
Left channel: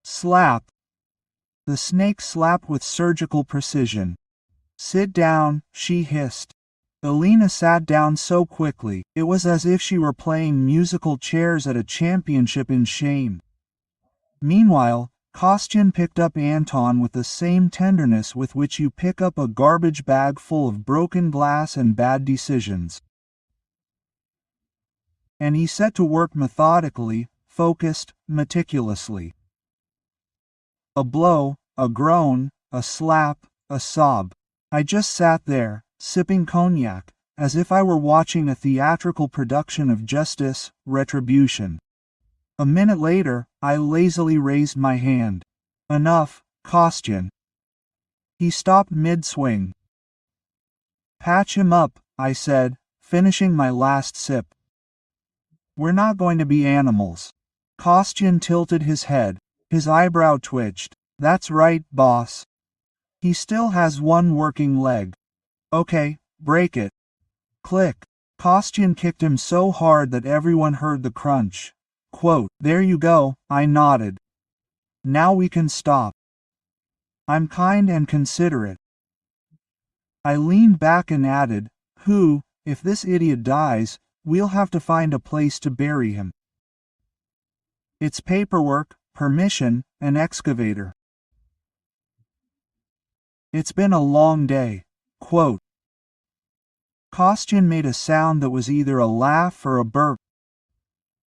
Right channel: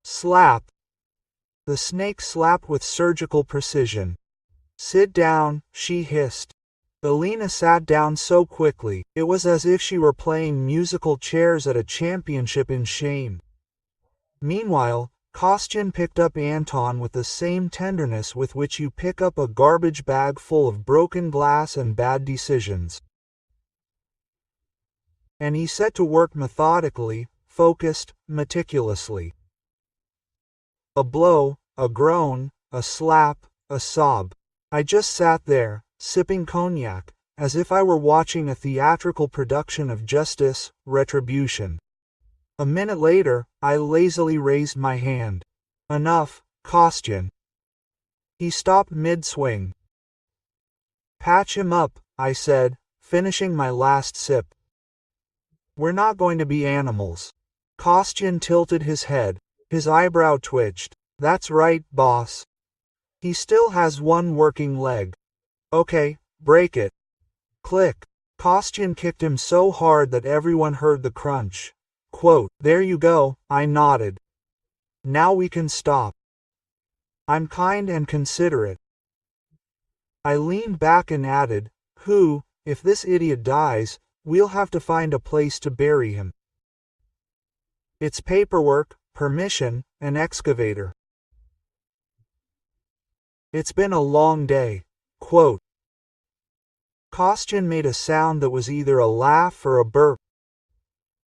Slap. The snake slapped with surgical precision. Sit down, she hissed. Alina sat down so quickly, it was as if she were playing musical chairs at a championship in shame. Meanwhile, Kostyan picked up Anton with the same tenderness with which you pick up a garbage bag full of broken glass and bad decisions. And he set to work methodically, focused, meticulously. A blow, a groan, a slap, a sob. I just sat there, sipping cognac, as if I were watching a theatrical production of justice, retribution. A minute later, I lazily raised my hand. Enough, Kostyan. He stopped mid-swing. Patch him up, I said, finishing my last sip. We're not going to be animals. Kostyan tilted his head. His eyebrow twitched. That's right, boss. He still has one working leg. Okay, break it. Click. Kostyan kicked him so hard that everyone heard the crunch. Quote, there you go, I nodded. Now we can stop. I'm kind and considerate. I leaned back and added, if this idiot dies, we'll have to find a place to bury him. It's paperwork, permission, an excavator. It's been a long day. Quote. Kostyan made a sound that was either a laugh or a burp.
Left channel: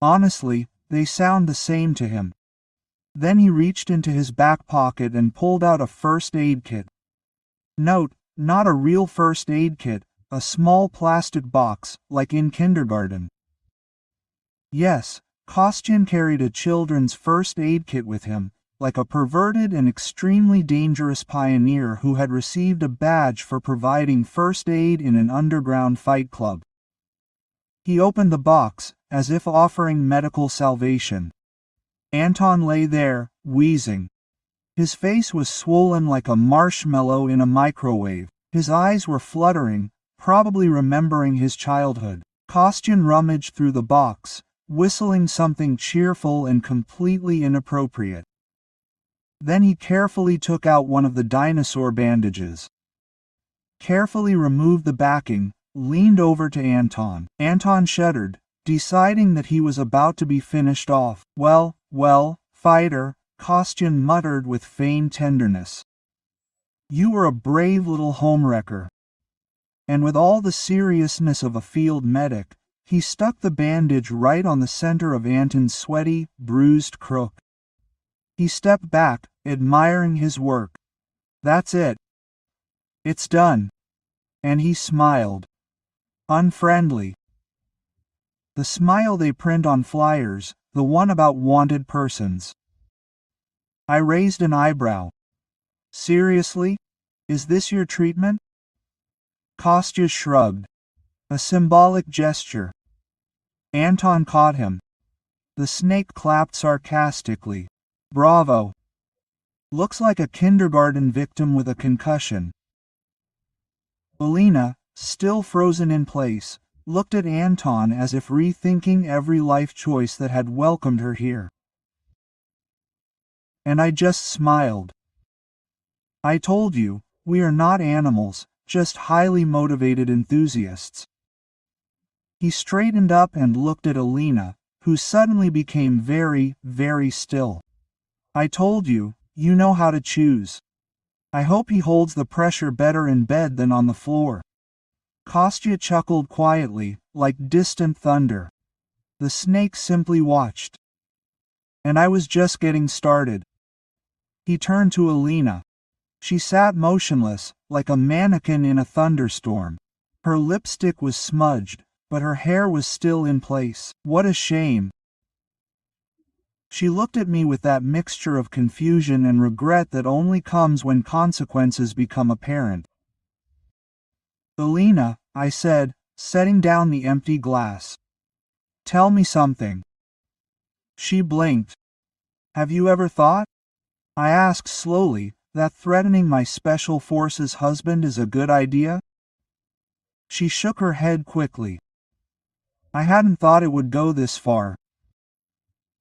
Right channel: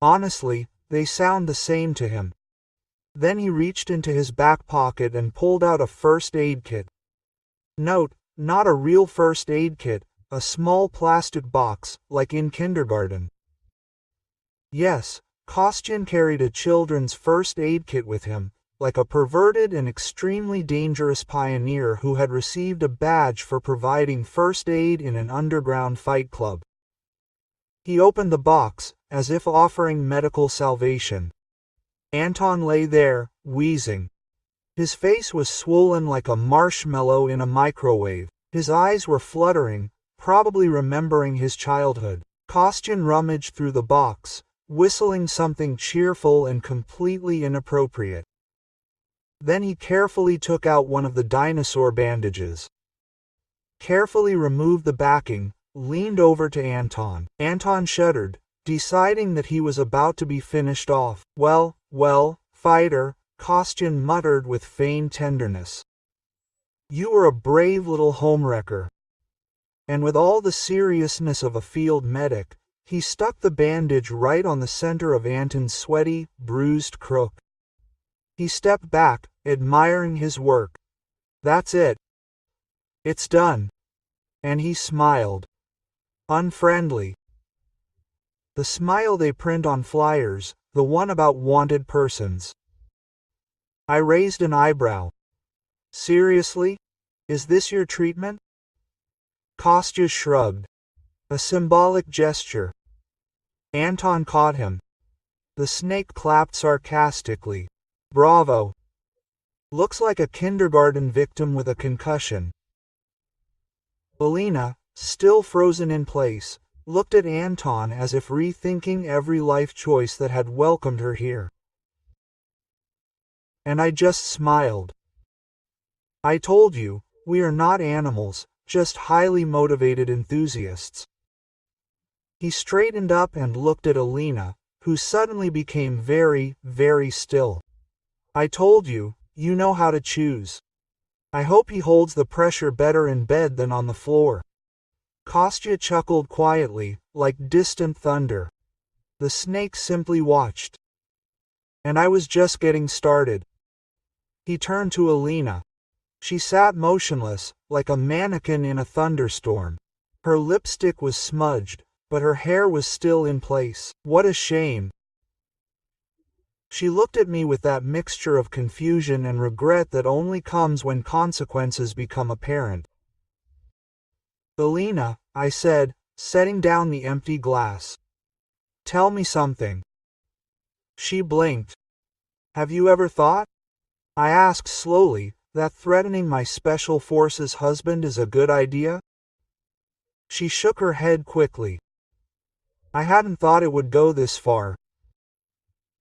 Honestly, they sound the same to him. Then he reached into his back pocket and pulled out a first aid kit. Note, not a real first aid kit, a small plastic box, like in kindergarten. Yes, Kostyan carried a children's first aid kit with him, like a perverted and extremely dangerous pioneer who had received a badge for providing first aid in an underground fight club. He opened the box, as if offering medical salvation. Anton lay there, wheezing. His face was swollen like a marshmallow in a microwave. His eyes were fluttering, probably remembering his childhood. Kostyan rummaged through the box, whistling something cheerful and completely inappropriate. Then he carefully took out one of the dinosaur bandages. Carefully removed the backing, leaned over to Anton. Anton shuddered, deciding that he was about to be finished off. Well, fighter, Kostyan muttered with feigned tenderness. You were a brave little homewrecker. And with all the seriousness of a field medic, he stuck the bandage right on the center of Anton's sweaty, bruised crook. He stepped back, admiring his work. That's it. It's done. And he smiled. Unfriendly. The smile they print on flyers, the one about wanted persons. I raised an eyebrow. Seriously? Is this your treatment? Kostya shrugged. A symbolic gesture. Anton caught him. The snake clapped sarcastically. Bravo. Looks like a kindergarten victim with a concussion. Alina, still frozen in place, looked at Anton as if rethinking every life choice that had welcomed her here. And I just smiled. I told you, we are not animals, just highly motivated enthusiasts. He straightened up and looked at Alina, who suddenly became very, very still. I told you, you know how to choose. I hope he holds the pressure better in bed than on the floor. Kostya chuckled quietly, like distant thunder. The snake simply watched. And I was just getting started. He turned to Alina. She sat motionless, like a mannequin in a thunderstorm. Her lipstick was smudged, but her hair was still in place. What a shame. She looked at me with that mixture of confusion and regret that only comes when consequences become apparent. Alina, I said, setting down the empty glass. Tell me something. She blinked. Have you ever thought? I asked slowly, that threatening my special forces husband is a good idea? She shook her head quickly. I hadn't thought it would go this far.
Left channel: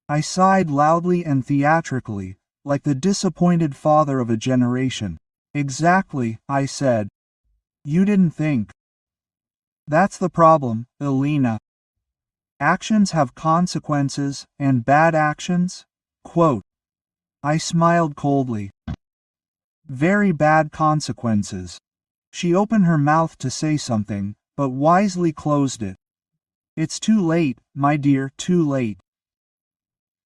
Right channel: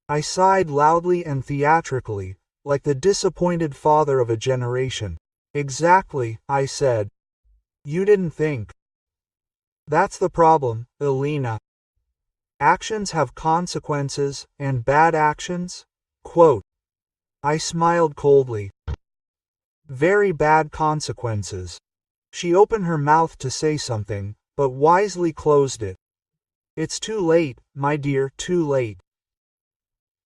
I sighed loudly and theatrically, like the disappointed father of a generation. Exactly, I said. You didn't think. That's the problem, Alina. Actions have consequences, and bad actions? Quote. I smiled coldly. Very bad consequences. She opened her mouth to say something, but wisely closed it. It's too late, my dear, too late.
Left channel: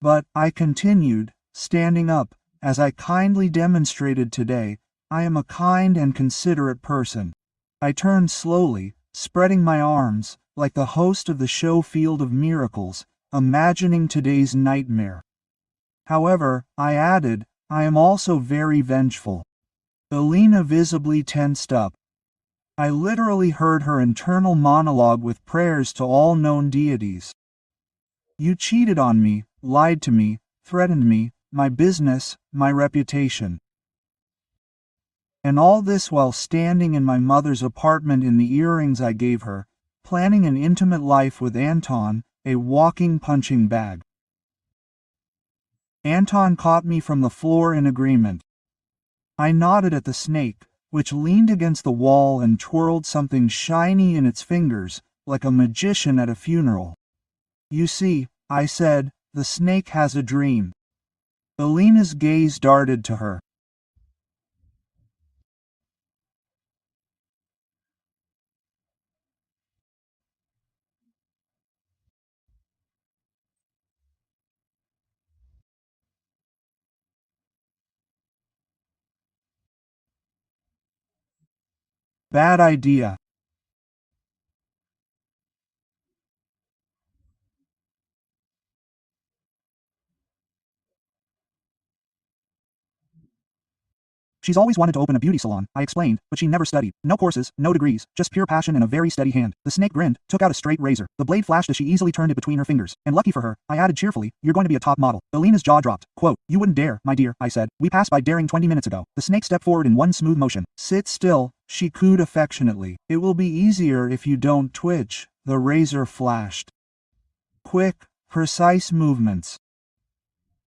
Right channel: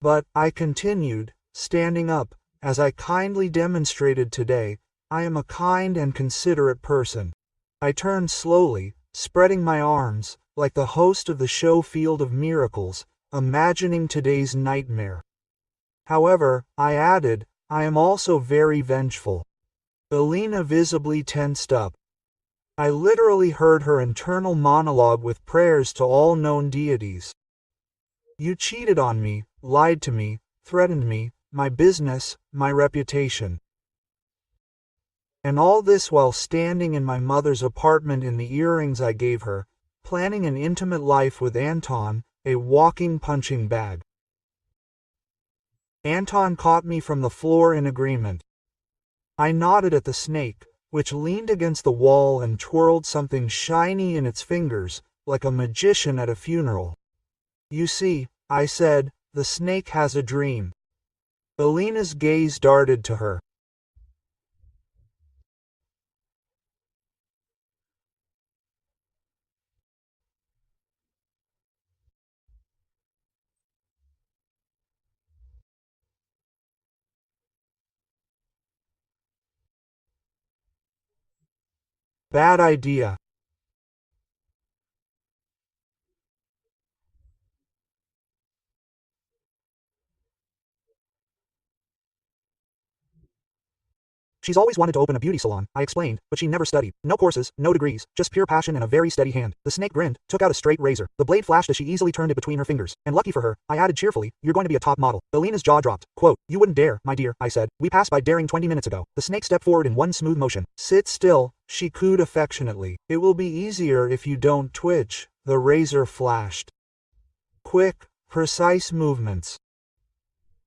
But, I continued, standing up, as I kindly demonstrated today, I am a kind and considerate person. I turned slowly, spreading my arms, like the host of the show Field of Miracles, imagining today's nightmare. However, I added, I am also very vengeful. Alina visibly tensed up. I literally heard her internal monologue with prayers to all known deities. You cheated on me, lied to me, threatened me, my business, my reputation. And all this while standing in my mother's apartment in the earrings I gave her, planning an intimate life with Anton, a walking punching bag. Anton caught me from the floor in agreement. I nodded at the snake, which leaned against the wall and twirled something shiny in its fingers, like a magician at a funeral. You see, I said, the snake has a dream. Alina's gaze darted to her. Bad idea. She's always wanted to open a beauty salon, I explained, but she never studied. No courses, no degrees, just pure passion and a very steady hand. The snake grinned, took out a straight razor. The blade flashed as she easily turned it between her fingers. And lucky for her, I added cheerfully, you're going to be a top model. Alina's jaw dropped. Quote, you wouldn't dare, my dear, I said. We passed by daring 20 minutes ago. The snake stepped forward in one smooth motion. Sit still, she cooed affectionately. It will be easier if you don't twitch. The razor flashed. Quick, precise movements.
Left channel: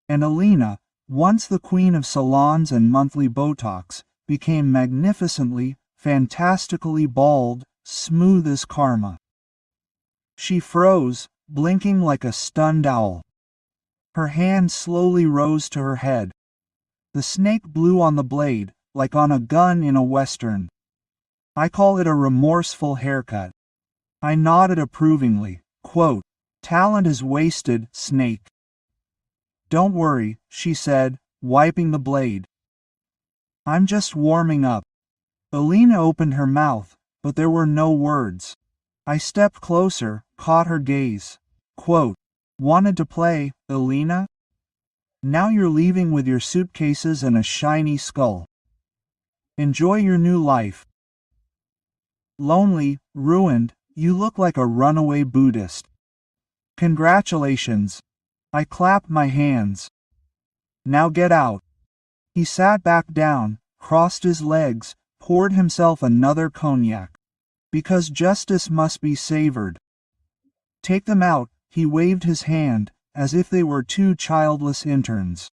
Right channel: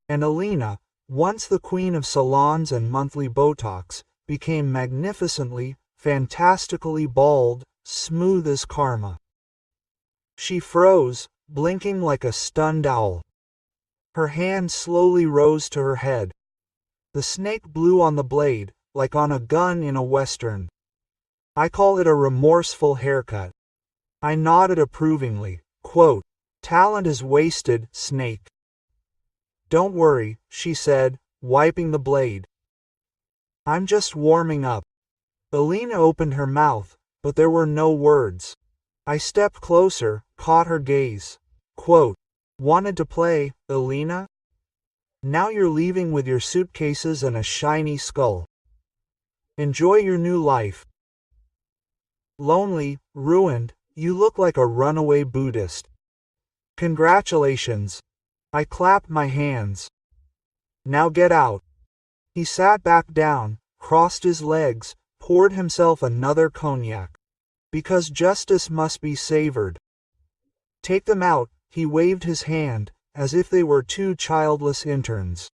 And Alina, once the queen of salons and monthly Botox, became magnificently, fantastically bald, smooth as karma. She froze, blinking like a stunned owl. Her hand slowly rose to her head. The snake blew on the blade, like on a gun in a western. I call it a remorseful haircut. I nodded approvingly. Quote, talent is wasted, snake. Don't worry, she said, wiping the blade. I'm just warming up. Alina opened her mouth, but there were no words. I stepped closer, caught her gaze. Quote, wanted to play, Alina? Now you're leaving with your suitcases and a shiny skull. Enjoy your new life. Lonely, ruined, you look like a runaway Buddhist. Congratulations. I clapped my hands. Now get out. He sat back down, crossed his legs, poured himself another cognac. Because justice must be savored. Take them out, he waved his hand, as if they were two childless interns.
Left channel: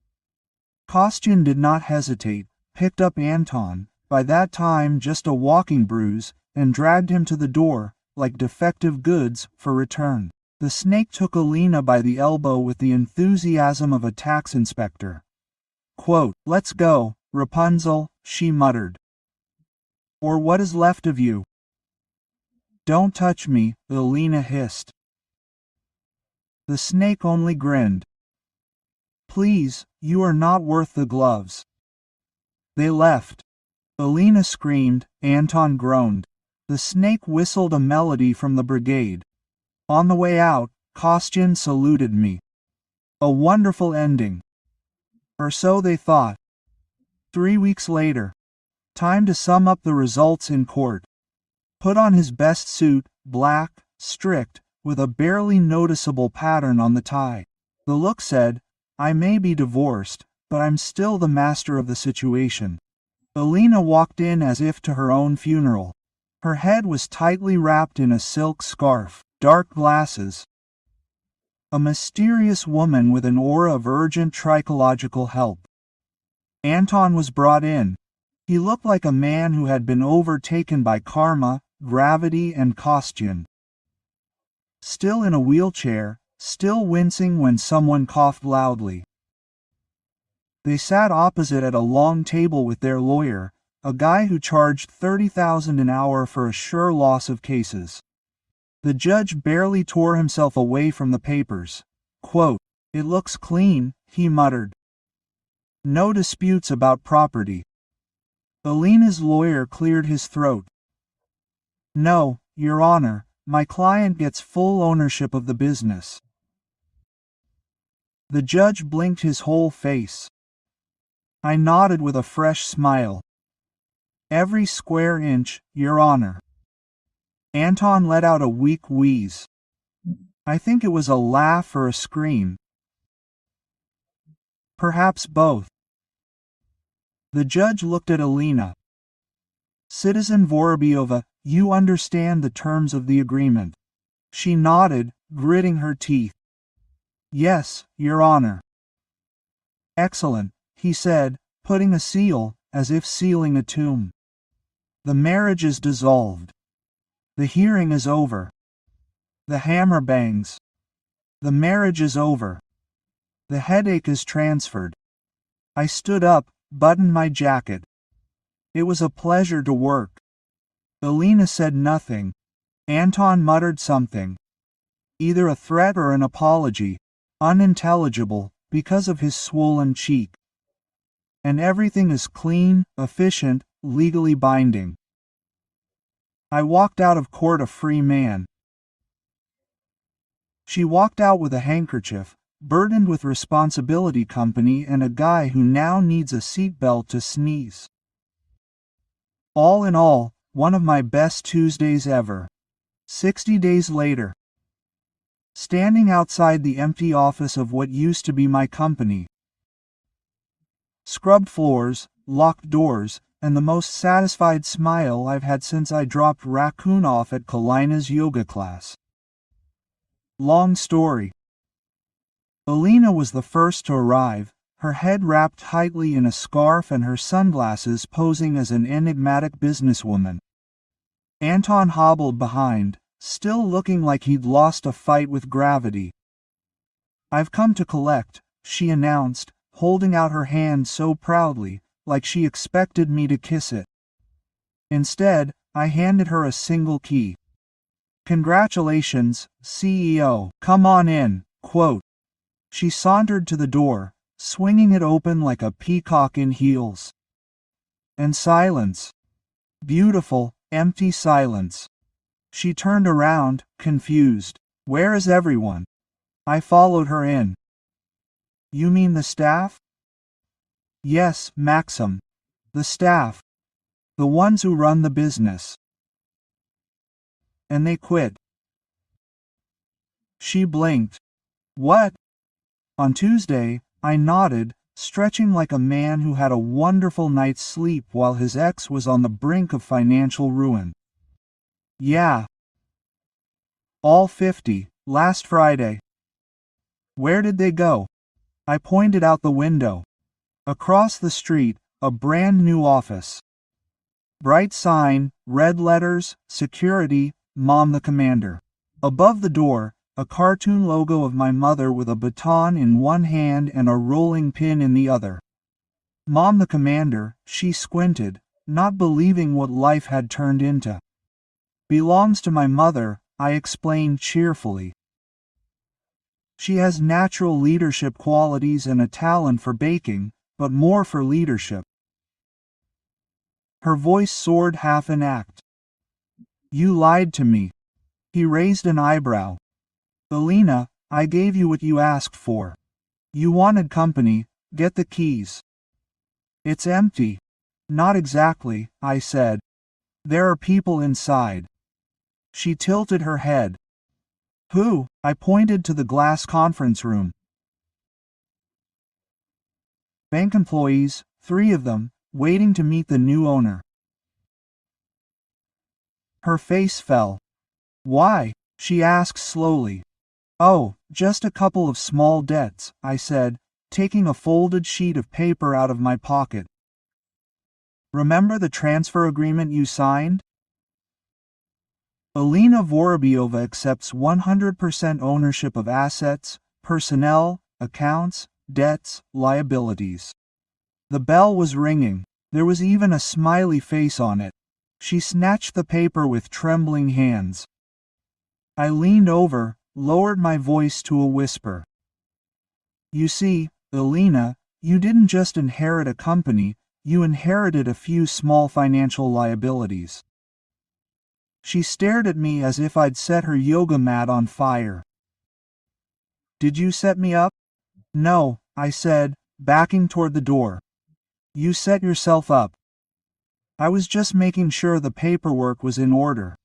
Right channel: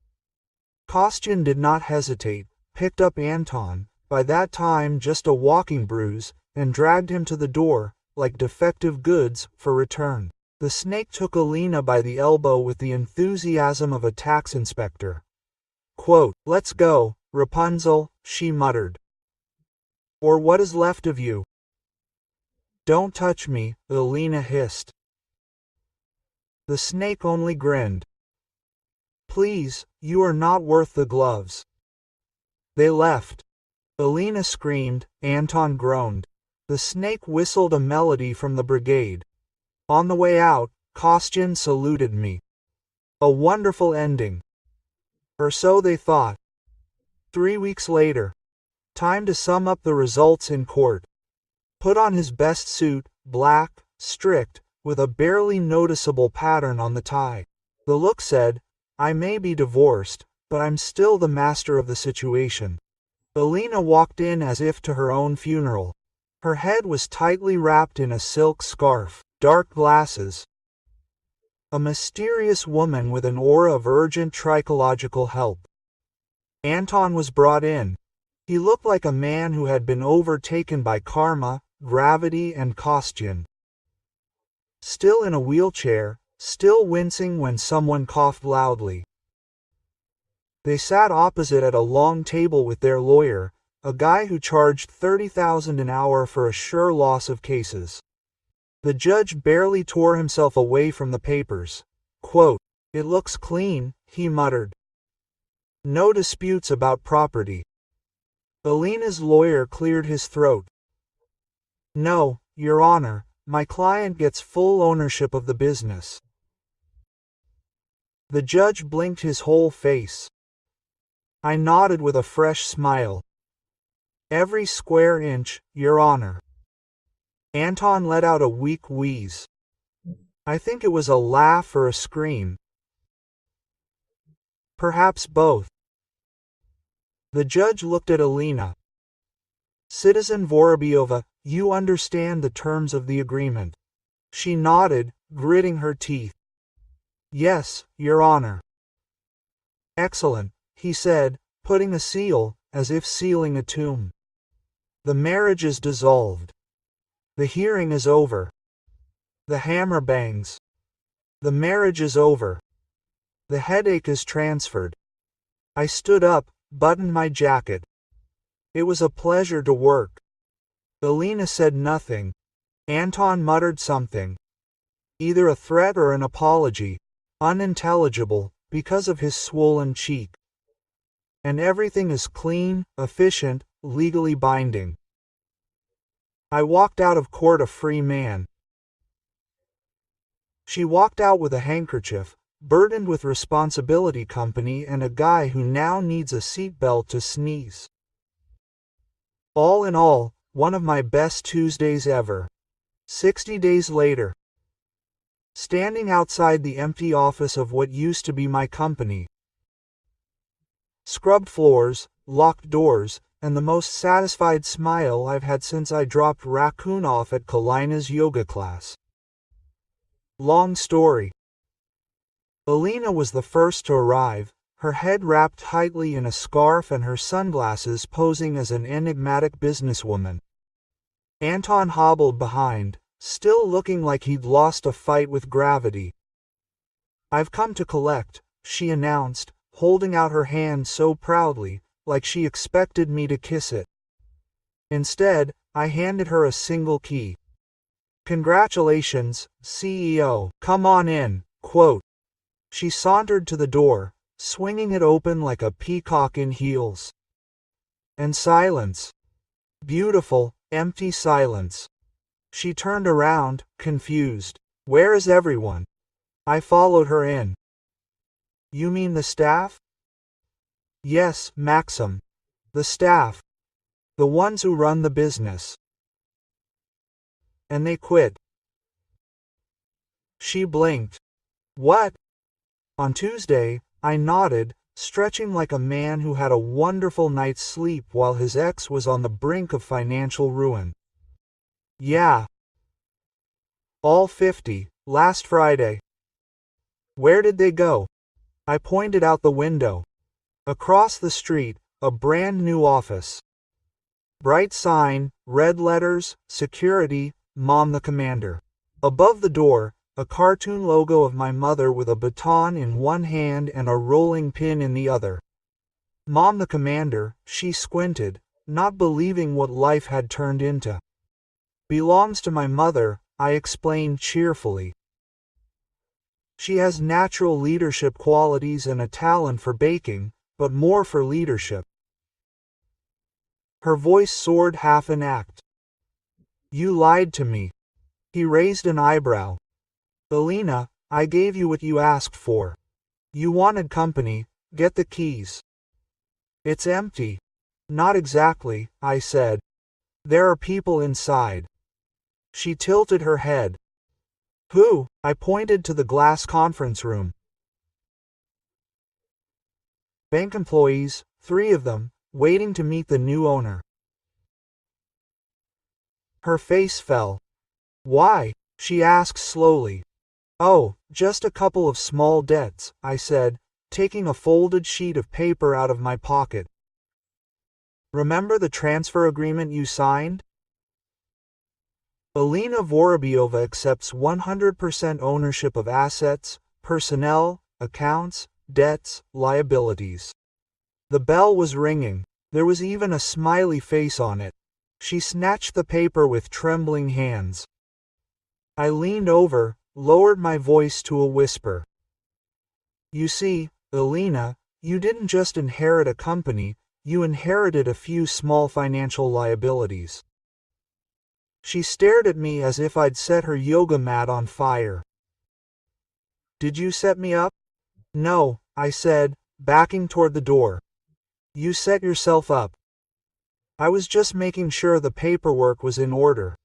Kostyan did not hesitate, picked up Anton, by that time just a walking bruise, and dragged him to the door, like defective goods, for return. The snake took Alina by the elbow with the enthusiasm of a tax inspector. Quote, "Let's go, Rapunzel," she muttered. "Or what is left of you." "Don't touch me," Alina hissed. The snake only grinned. "Please, you are not worth the gloves." They left. Alina screamed, Anton groaned. The snake whistled a melody from the brigade. On the way out, Kostyan saluted me. A wonderful ending. Or so they thought. 3 weeks later. Time to sum up the results in court. Put on his best suit, black, strict, with a barely noticeable pattern on the tie. The look said, "I may be divorced, but I'm still the master of the situation." Alina walked in as if to her own funeral. Her head was tightly wrapped in a silk scarf, dark glasses. A mysterious woman with an aura of urgent trichological help. Anton was brought in. He looked like a man who had been overtaken by karma, gravity, and Kostyan. Still in a wheelchair, still wincing when someone coughed loudly. They sat opposite at a long table with their lawyer, a guy who charged $30,000 an hour for a sure loss of cases. The judge barely tore himself away from the papers. Quote, "It looks clean," he muttered. "No disputes about property." Alina's lawyer cleared his throat. "No, Your Honor, my client gets full ownership of the business." The judge blinked his whole face. I nodded with a fresh smile. "Every square inch, Your Honor." Anton let out a weak wheeze. I think it was a laugh or a scream. Perhaps both. The judge looked at Alina. "Citizen Vorobyova, you understand the terms of the agreement." She nodded, gritting her teeth. "Yes, Your Honor." "Excellent," he said, putting a seal, as if sealing a tomb. "The marriage is dissolved. The hearing is over. The hammer bangs. The marriage is over. The headache is transferred." I stood up, buttoned my jacket. It was a pleasure to work. Alina said nothing. Anton muttered something. Either a threat or an apology. Unintelligible, because of his swollen cheek. And everything is clean, efficient, legally binding. I walked out of court a free man. She walked out with a handkerchief, burdened with responsibility company and a guy who now needs a seatbelt to sneeze. All in all, one of my best Tuesdays ever. 60 days later. Standing outside the empty office of what used to be my company. Scrubbed floors, locked doors, and the most satisfied smile I've had since I dropped Raccoon off at Kalina's yoga class. Long story. Alina was the first to arrive, her head wrapped tightly in a scarf and her sunglasses posing as an enigmatic businesswoman. Anton hobbled behind, still looking like he'd lost a fight with gravity. "I've come to collect," she announced, holding out her hand so proudly, like she expected me to kiss it. Instead, I handed her a single key. "Congratulations, CEO. Come on in." Quote. She sauntered to the door, swinging it open like a peacock in heels. And silence. Beautiful, empty silence. She turned around, confused. "Where is everyone?" I followed her in. "You mean the staff?" "Yes, Maxim. The staff. The ones who run the business." "And they quit." She blinked. "What?" On Tuesday, I nodded, stretching like a man who had a wonderful night's sleep while his ex was on the brink of financial ruin. Yeah. All 50, last Friday. Where did they go? I pointed out the window. Across the street, a brand new office. Bright sign, red letters, security, Mom the Commander. Above the door, a cartoon logo of my mother with a baton in one hand and a rolling pin in the other. Mom the Commander, she squinted, not believing what life had turned into. Belongs to my mother, I explained cheerfully. She has natural leadership qualities and a talent for baking, but more for leadership. Her voice soared half an act. You lied to me. He raised an eyebrow. Alina, I gave you what you asked for. You wanted company, get the keys. It's empty. Not exactly, I said. There are people inside. She tilted her head. Who? I pointed to the glass conference room. Bank employees, 3 of them, waiting to meet the new owner. Her face fell. Why? She asked slowly. Oh, just a couple of small debts, I said, taking a folded sheet of paper out of my pocket. Remember the transfer agreement you signed? Alina Vorobyova accepts 100% ownership of assets, personnel, accounts, debts, liabilities. The bell was ringing. There was even a smiley face on it. She snatched the paper with trembling hands. I leaned over, lowered my voice to a whisper. You see, Alina, you didn't just inherit a company, you inherited a few small financial liabilities. She stared at me as if I'd set her yoga mat on fire. Did you set me up? No, I said, backing toward the door. You set yourself up. I was just making sure the paperwork was in order.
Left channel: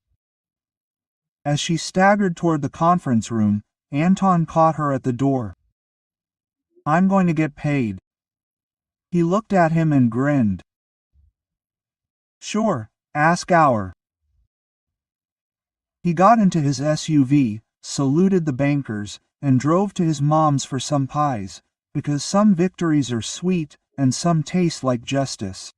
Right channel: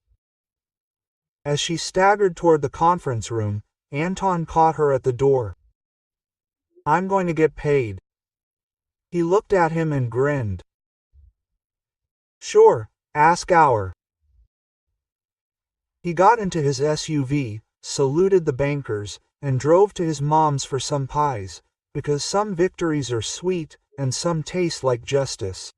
As she staggered toward the conference room, Anton caught her at the door. I'm going to get paid. He looked at him and grinned. Sure, ask our. He got into his SUV, saluted the bankers, and drove to his mom's for some pies, because some victories are sweet and some taste like justice.